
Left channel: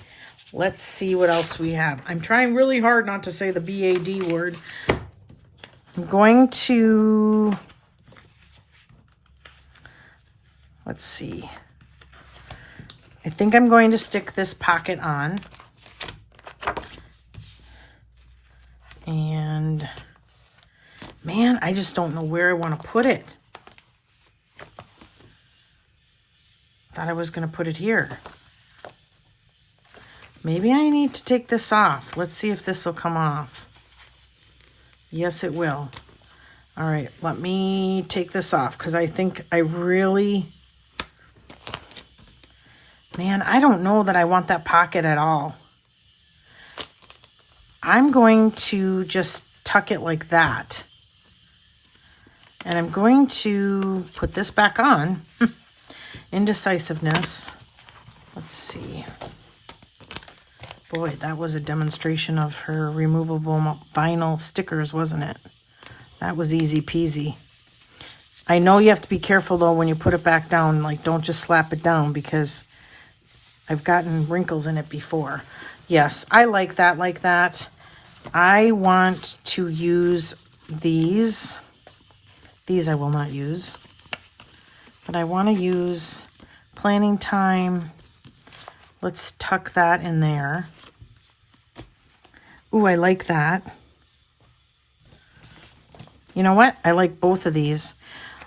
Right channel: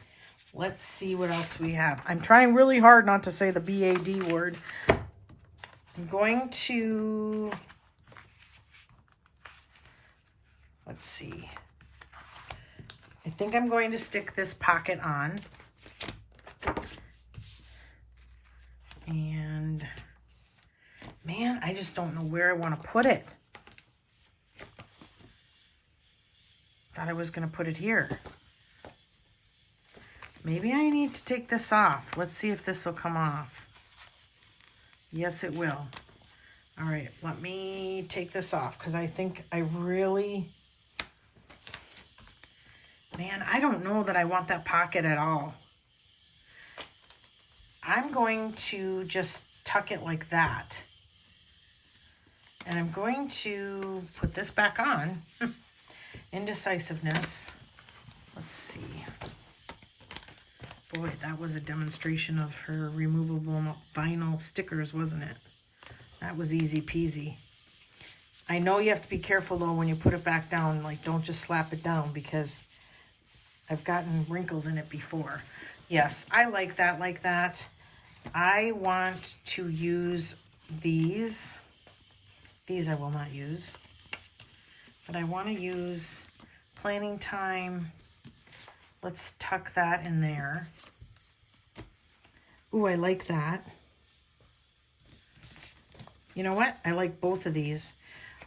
let's see what else we have. I'm trying really hard not to say the BAD word. I'm going to, let's see. I think I'm going to stick this pocket on. And man, I just don't know where I want to put it. Thought I was going to put it here. Maybe I need to take this off. Let's see if this will come off. Yes, it will. All right, let me take this off because I think I really... Man, I don't know that I want that pocket at all. I'm going to just tuck it like that. And I'm going to put this back on. Indecisiveness. Let's see. Boy, that was a demonstration of her removable vinyl stickers, wasn't it? That was easy peasy. I know you have to be careful though when you put it back down. Like, don't just slap it down because I've gotten wrinkles in it before. Yes, I like that like that. I want to use these. These I will not use. But I want to use Planning Time. Let's tuck that in there. Ooh, I like that. You know what? I like both of these.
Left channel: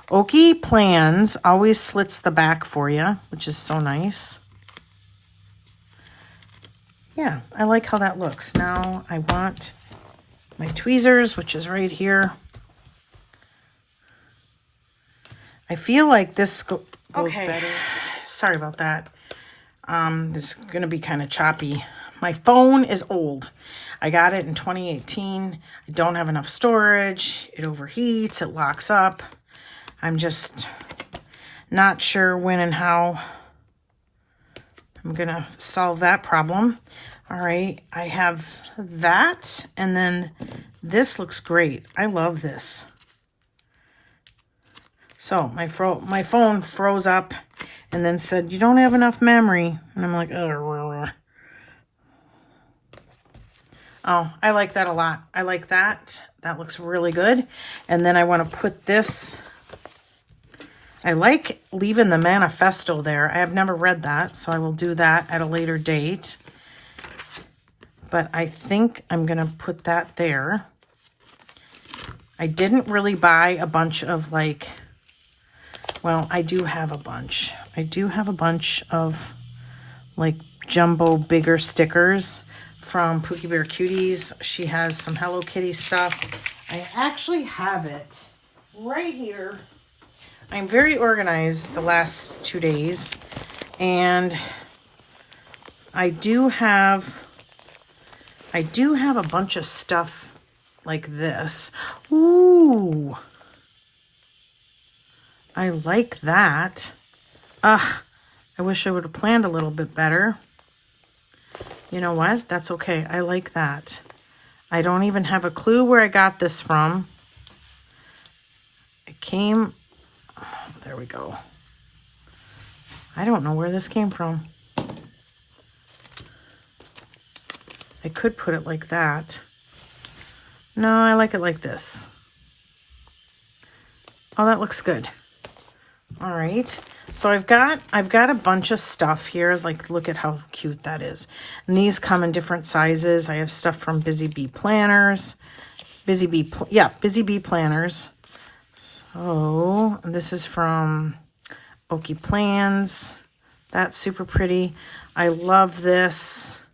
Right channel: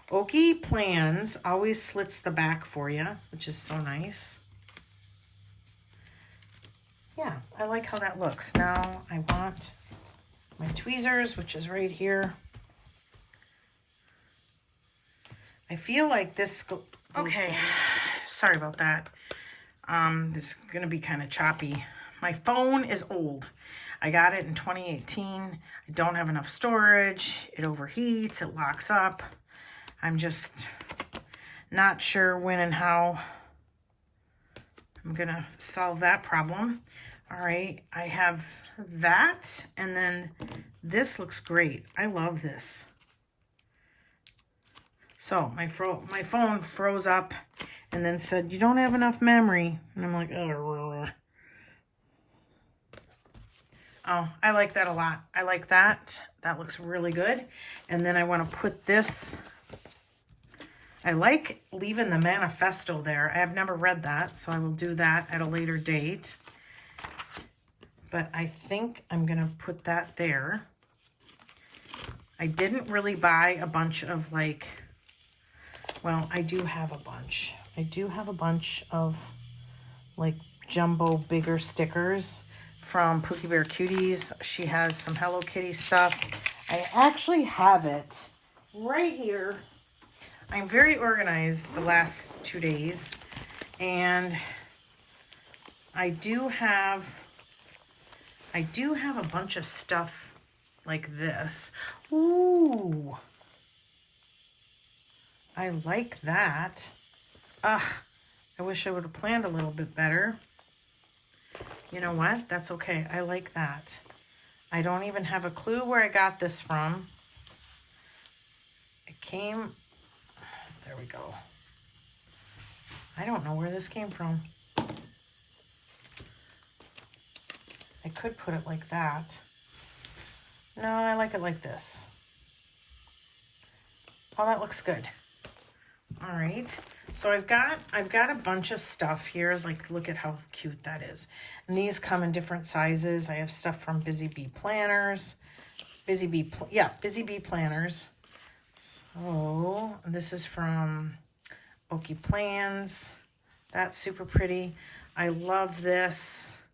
Okie Plans always slits the back for you, which is so nice. Yeah, I like how that looks. Now I want my tweezers, which is right here. I feel like this goes better. Sorry about that. This is going to be kind of choppy. My phone is old. I got it in 2018. I don't have enough storage. It overheats. It locks up. I'm just not sure when and how I'm going to solve that problem. All right. I have that. And then this looks great. I love this. So my phone froze up and then said, you don't have enough memory. And I'm like, oh, I like that a lot. I like that. That looks really good. And then I want to put this. I like leaving the manifesto there. I have never read that, so I will do that at a later date. But I think I'm going to put that there. I didn't really buy a bunch of like, well, I do have a bunch. I do have a bunch of like jumbo bigger stickers from Pookie Bear Cuties. She has some Hello Kitty stuff. I actually have it right here. I'm very organized the last 2 days, and I do have a bunch of stuff like this. Ooh, I like that. Ugh, I wish I would have planned a little bit better. You know what? That's okay. I like that. I don't even have a clue where I got this from. It came, there we go. I don't know where this came from. I could put it like that. No, I like it like this. Oh, that looks good. All right. So I've got a bunch of stuff here. Like, look at how cute that is. And these come in different sizes. I have stuff from Busy Bee Planners. Busy Bee Planners. So this is from Okie Plans. That's super pretty. I love this.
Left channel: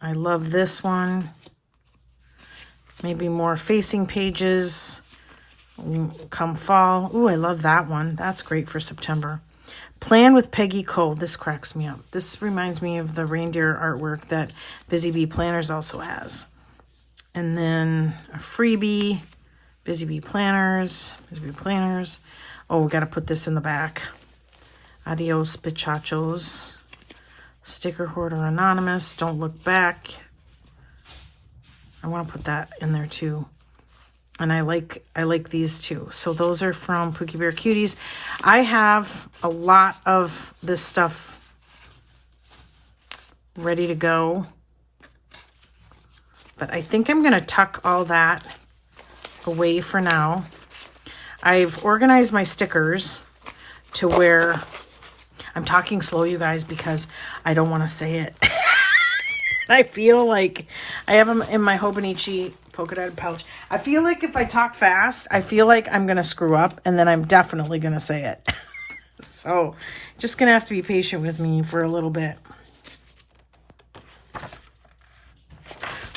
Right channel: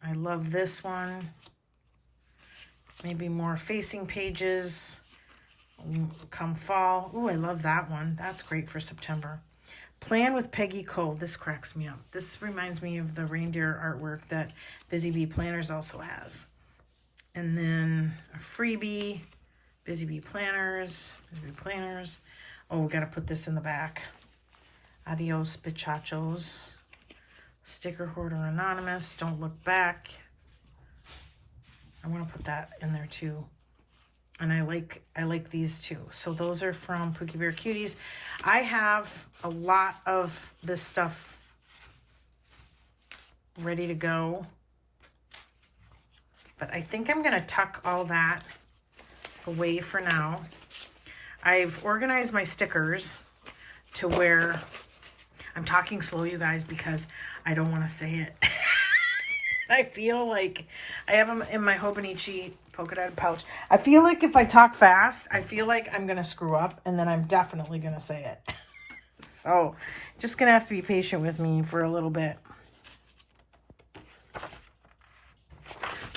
I love this one. Maybe more facing pages come fall. Ooh, I love that one. That's great for September. Plan with Peggy Cole. This cracks me up. This reminds me of the reindeer artwork that Busy Bee Planners also has. And then a freebie, Busy Bee Planners, Busy Bee Planners. Oh, we got to put this in the back. Adios, bichachos. Sticker Hoarder Anonymous. Don't look back. I want to put that in there too. And I like these too. So those are from Pookie Bear Cuties. I have a lot of this stuff ready to go. But I think I'm going to tuck all that away for now. I've organized my stickers to where I'm talking slow, you guys, because I don't want to say it. I feel like I have them in my Hobonichi polka dotted pouch. I feel like if I talk fast, I feel like I'm going to screw up, and then I'm definitely going to say it. So just going to have to be patient with me for a little bit.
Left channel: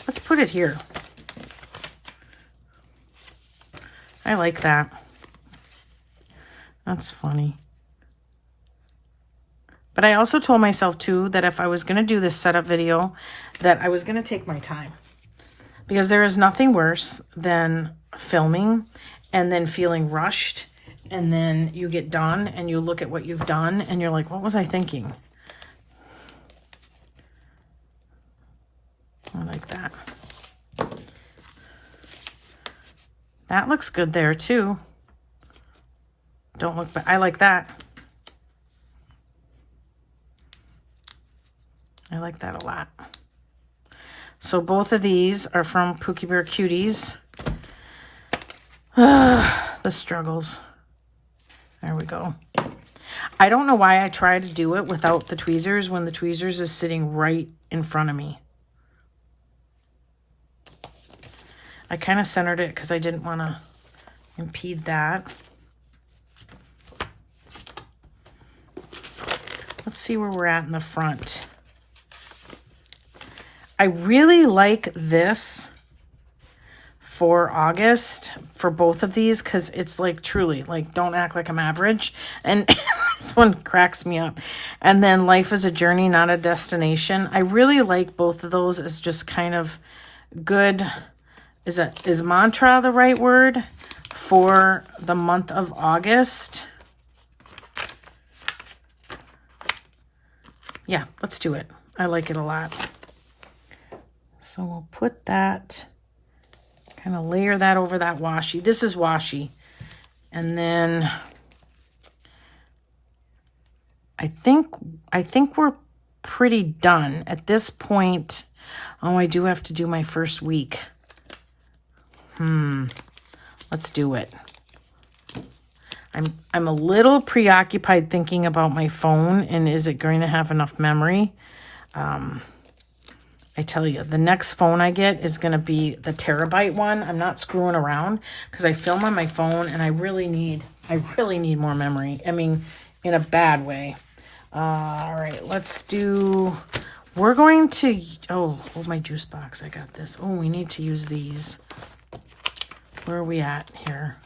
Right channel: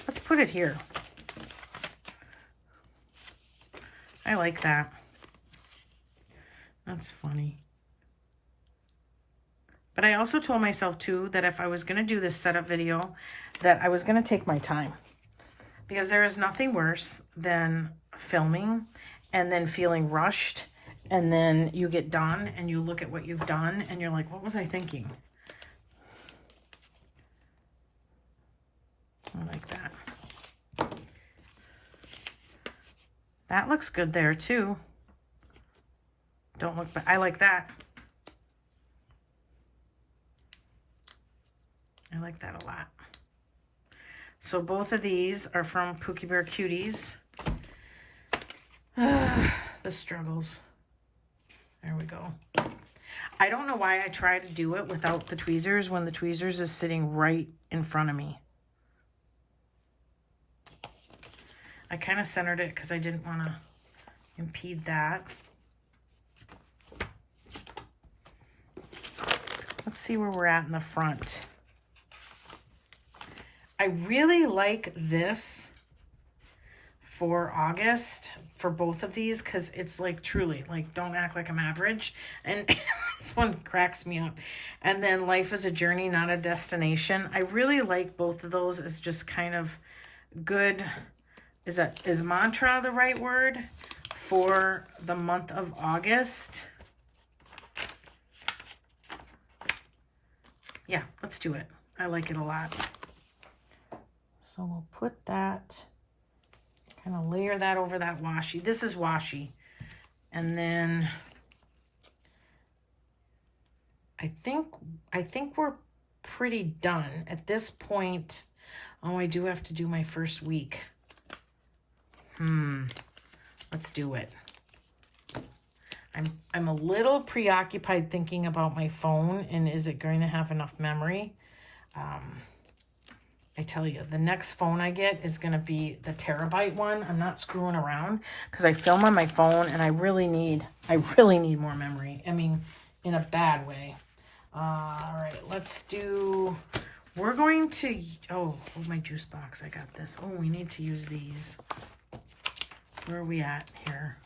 Let's put it here. I like that. That's funny. But I also told myself too that if I was going to do this setup video, that I was going to take my time. Because there is nothing worse than filming and then feeling rushed, and then you get done and you look at what you've done and you're like, what was I thinking? I like that. That looks good there too. Don't look back. I like that. I like that a lot. So both of these are from Pookie Bear Cuties. The struggles. There we go. I don't know why I try to do it without the tweezers when the tweezers is sitting right in front of me. I kind of centered it because I didn't want to impede that. Let's see where we're at in the front. I really like this for August for both of these because it's like truly like don't act like I'm average, and this one cracks me up. And then Life is a Journey, Not a Destination. I really like both of those as just kind of good. Is mantra the right word for the month of August? Yeah, let's do it. I like it a lot. So we'll put that, kind of layer that over that washi. This is washi. And then I think we're pretty done at this point. Oh, I do have to do my first week. Let's do it. I'm a little preoccupied thinking about my phone and is it going to have enough memory? I tell you, the next phone I get is going to be the terabyte one. I'm not screwing around because I film on my phone and I really need more memory. I mean, in a bad way. All right, let's do, we're going to, oh, my juice box. I got this. Oh, we need to use these. Where are we at here?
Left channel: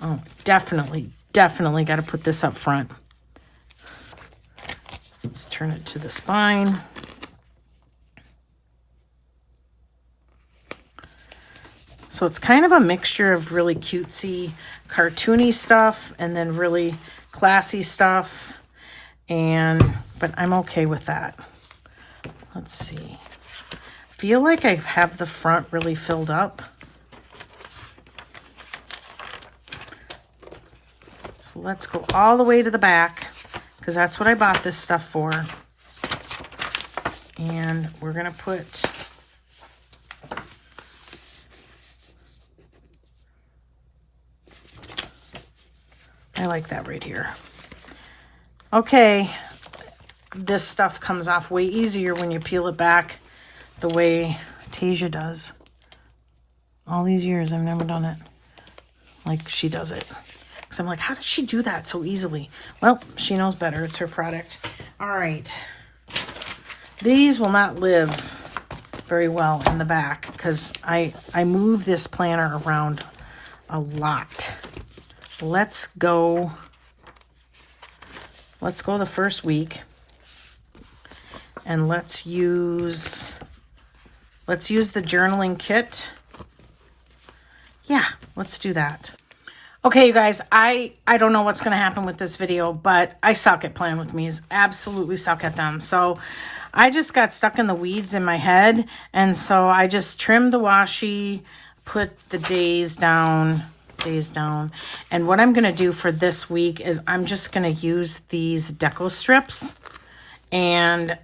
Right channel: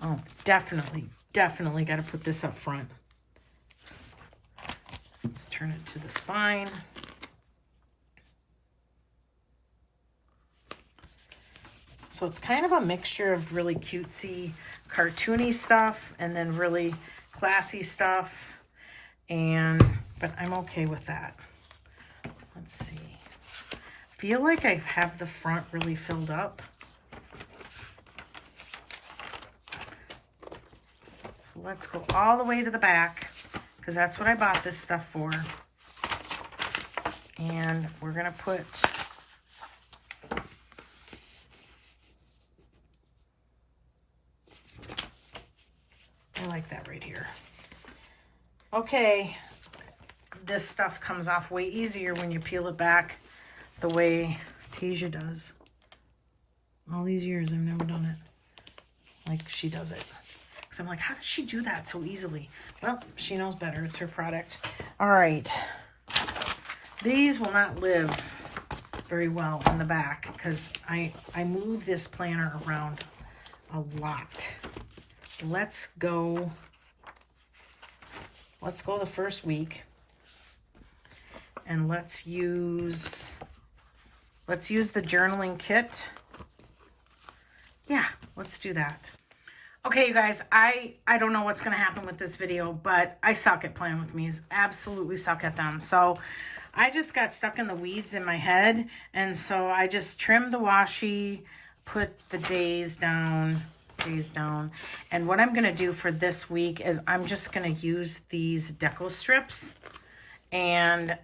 Oh, definitely got to put this up front. Let's turn it to the spine. So it's kind of a mixture of really cutesy, cartoony stuff and then really classy stuff. But I'm okay with that. Let's see. I feel like I have the front really filled up. So let's go all the way to the back because that's what I bought this stuff for. And we're going to put... I like that right here. Okay, this stuff comes off way easier when you peel it back the way Tasia does. All these years, I've never done it like she does it. Because I'm like, how did she do that so easily? Well, she knows better. It's her product. All right. These will not live very well in the back because I move this planner around a lot. Let's go the first week and let's use the journaling kit. Yeah, let's do that. Okay, you guys, I don't know what's going to happen with this video, but I suck at Plan With Me's. Absolutely suck at them. So I just got stuck in the weeds in my head, and so I just trimmed the washi, put the days down. And what I'm going to do for this week is I'm just going to use these deco strips and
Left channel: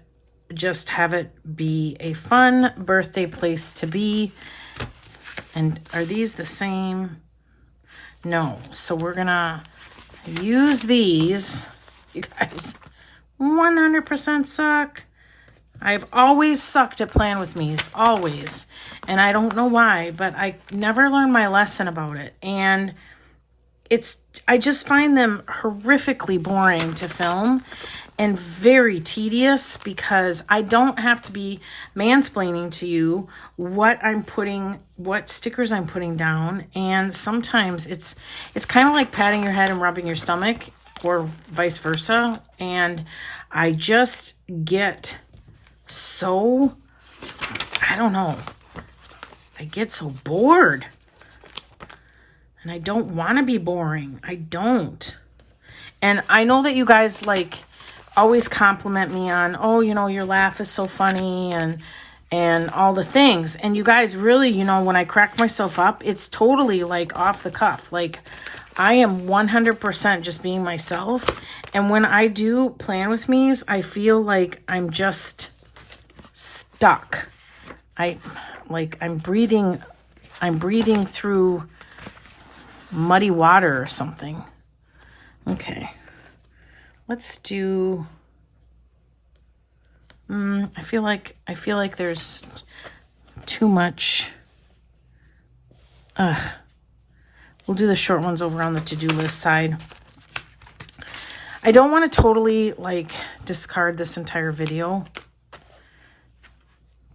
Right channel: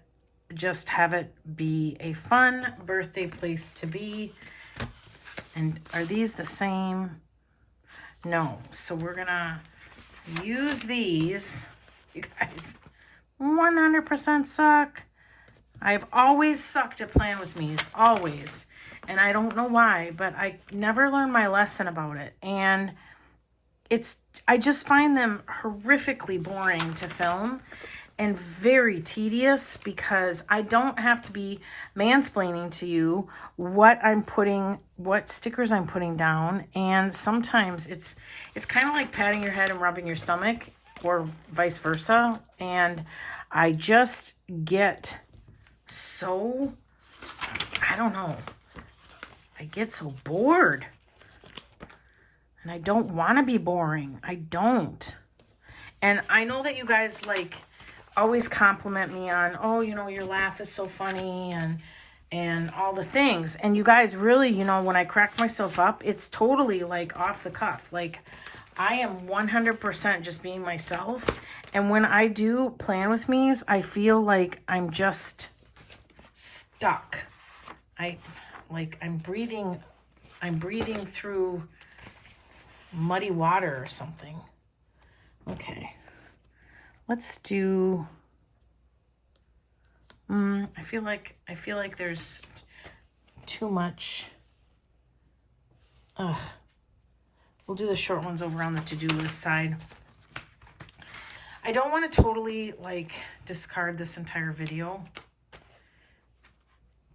just have it be a fun birthday place to be. And are these the same? No. So we're going to use these. You guys 100% suck. I've always sucked at Plan With Me's, always. And I don't know why, but I never learned my lesson about it. And I just find them horrifically boring to film and very tedious because I don't have to be mansplaining to you what stickers I'm putting down. And sometimes it's kind of like patting your head and rubbing your stomach or vice versa. And I just get so, I don't know, I get so bored and I don't want to be boring. I don't. And I know that you guys like always compliment me on, oh, you know, your laugh is so funny and all the things. And you guys really, you know, when I crack myself up, it's totally like off the cuff. Like I am 100% just being myself. And when I do Plan With Me's, I feel like I'm just stuck. I'm breathing through muddy water or something. Okay. Let's do I feel like there's too much. We'll do the short ones over on the to-do list side. I don't want to totally like discard this entire video.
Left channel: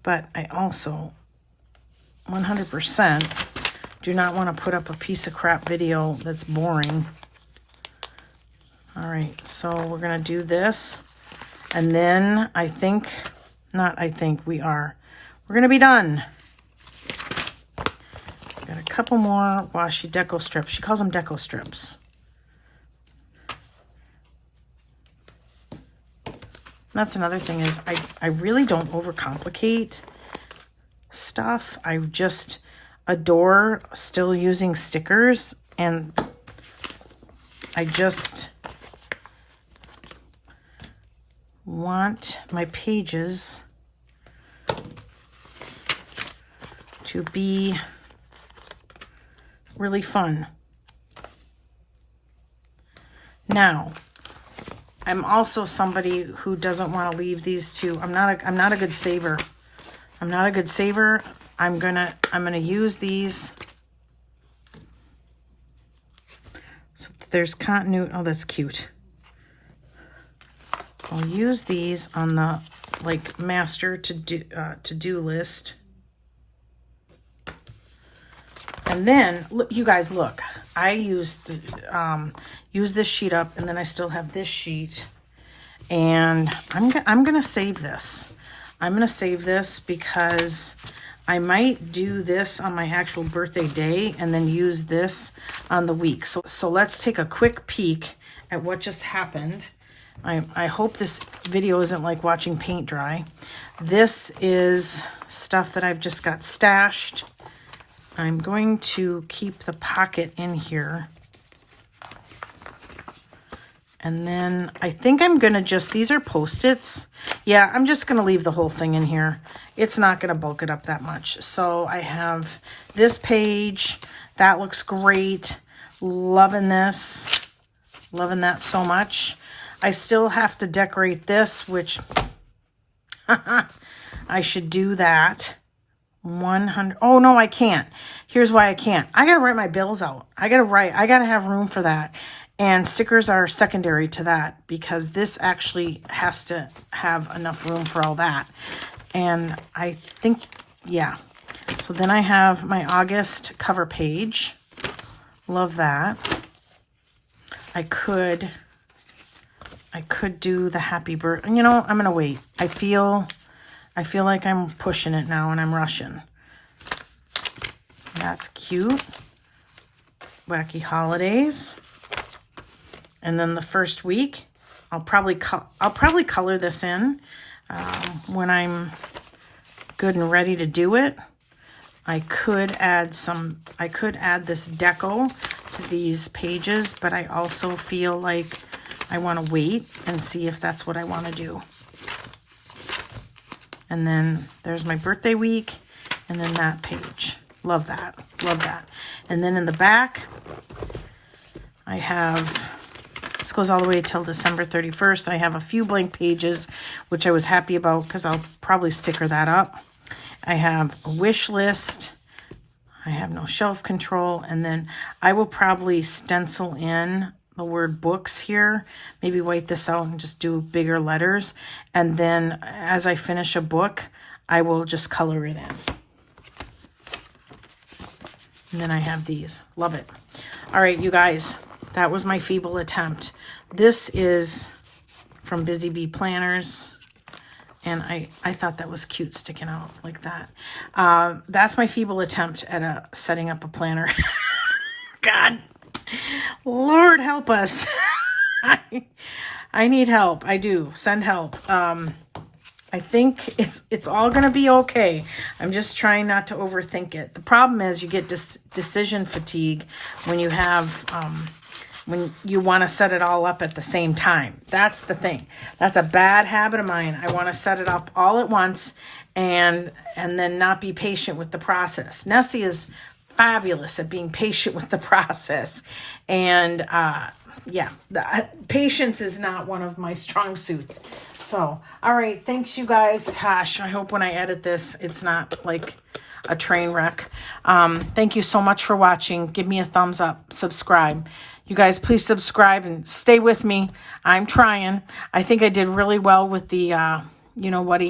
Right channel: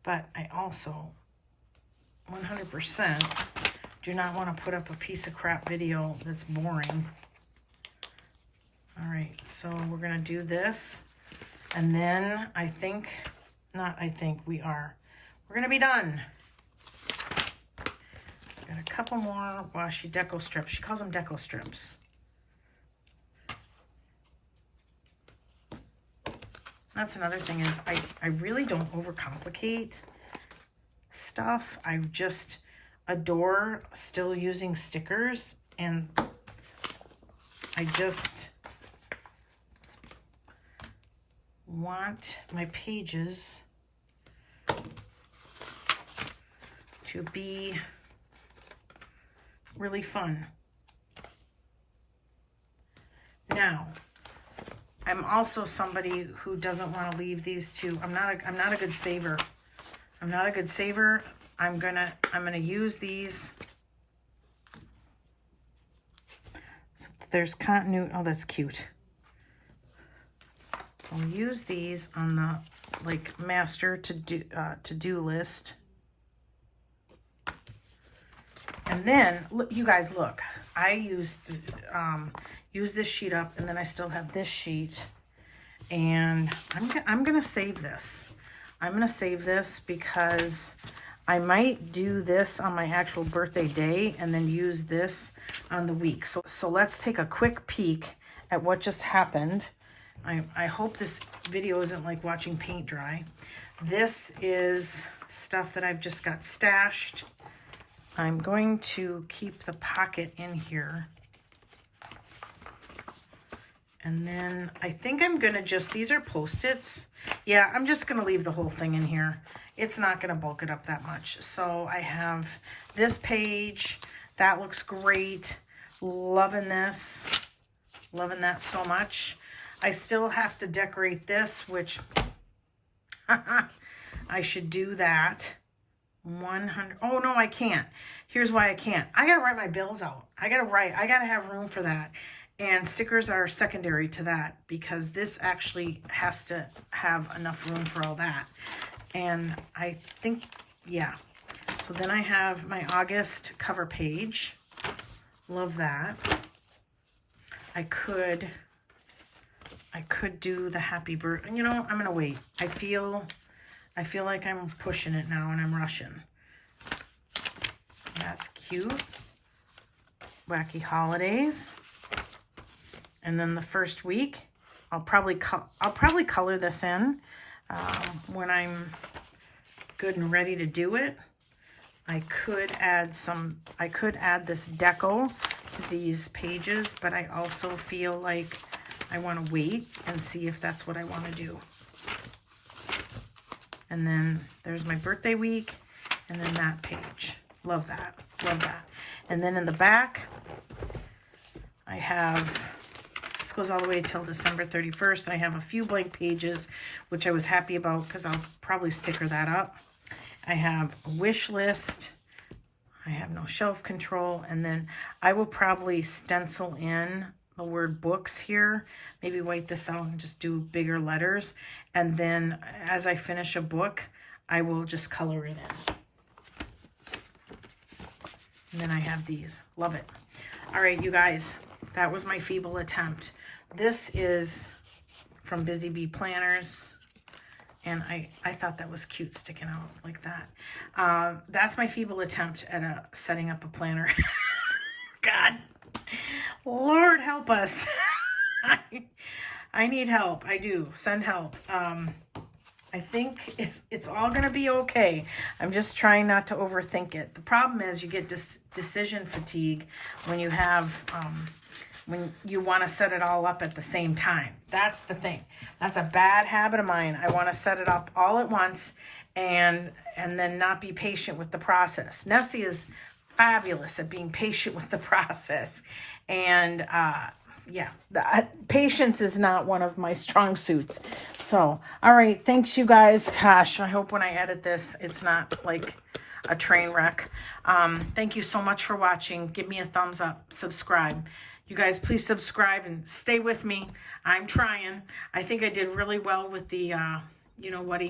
But I also 100% do not want to put up a piece of crap video that's boring. All right, so we're going to do this. And then we're going to be done. Got a couple more washi deco strips. She calls them deco strips. That's another thing is I really don't overcomplicate stuff. I just adore still using stickers, and I just want my pages to be really fun. Now, I'm also somebody who doesn't want to leave these two. I'm not a good saver. I'm not a good saver. I'm gonna use these. So there's continuity. Oh, that's cute. I'll use these on the like master to-do list. And then look, you guys, look. I used use this sheet up, and then I still have this sheet, and I'm gonna save this. I'm gonna save this because I might do this on my actual birthday day and then use this on the week. So let's take a quick peek at what just happened. I hope this video isn't like watching paint dry. This is stuff that I've just got stashed. I'm going to keep the pocket in here. And then I think I'm going to just, these are Post-its. Yeah, I'm just going to leave the whole thing in here. It's not going to bulk it up that much. So I have this page. That looks great. Loving this. Loving that so much. I still have to decorate this, which I should do that. 100. Oh, no, I can't. Here's why I can't. I got to write my bills out. I got to have room for that. And stickers are secondary to that because this actually has to have enough room for all that. And I think, yeah. So then I have my August cover page. Love that. I could do the happy birthday. You know, I'm going to wait. I feel like I'm pushing it now and I'm rushing. That's cute. Wacky holidays. And then the first week, I'll probably color this in when I'm good and ready to do it. I could add this deco to these pages, but I also feel like I want to wait and see if that's what I want to do. And then there's my birthday week, and then that page. Love that. Love that. And then in the back, I have, this goes all the way till December 31st. I have a few blank pages, which I was happy about because I'll probably sticker that up. I have a wish list. I have no shelf control. And then I will probably stencil in the word books here. Maybe white this out and just do bigger letters. And then as I finish a book, I will just color it in. And then I have these. Love it. All right, you guys, that was my feeble attempt. This is from Busy Bee Planners. And I thought that was cute sticking out like that. That's my feeble attempt at setting up a planner. God, Lord help us. I need help. I do. Send help. I think it's all going to be okay. I'm just trying not to overthink it. The problem is you get decision fatigue when you have... when you want to set it all up at the same time. That's the thing. That's a bad habit of mine. I want to set it up all at once and then not be patient with the process. Nessie is fabulous at being patient with the process. And yeah, patience is not one of my strong suits. So, all right. Thanks, you guys. Gosh, I hope when I edit this, it's not like a train wreck. Thank you so much for watching. Give me a thumbs up. Subscribe. You guys, please subscribe and stay with me. I'm trying. I think I did really well with the, you know what,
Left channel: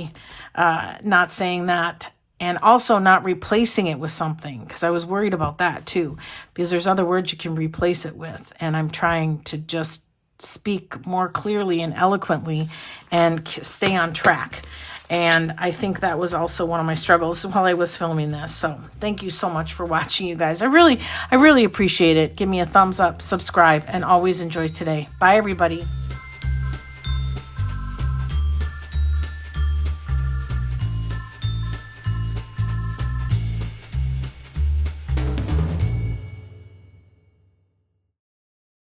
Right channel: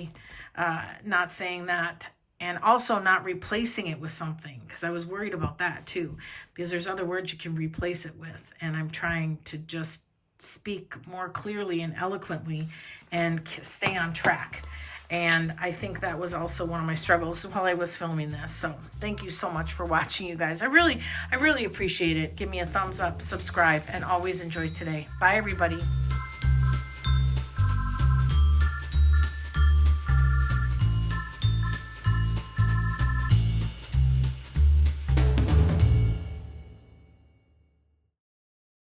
not saying that. And also not replacing it with something. Because I was worried about that too. Because there's other words you can replace it with. And I'm trying to just speak more clearly and eloquently and stay on track. And I think that was also one of my struggles while I was filming this. So thank you so much for watching, you guys. I really appreciate it. Give me a thumbs up, subscribe, and always enjoy today. Bye, everybody.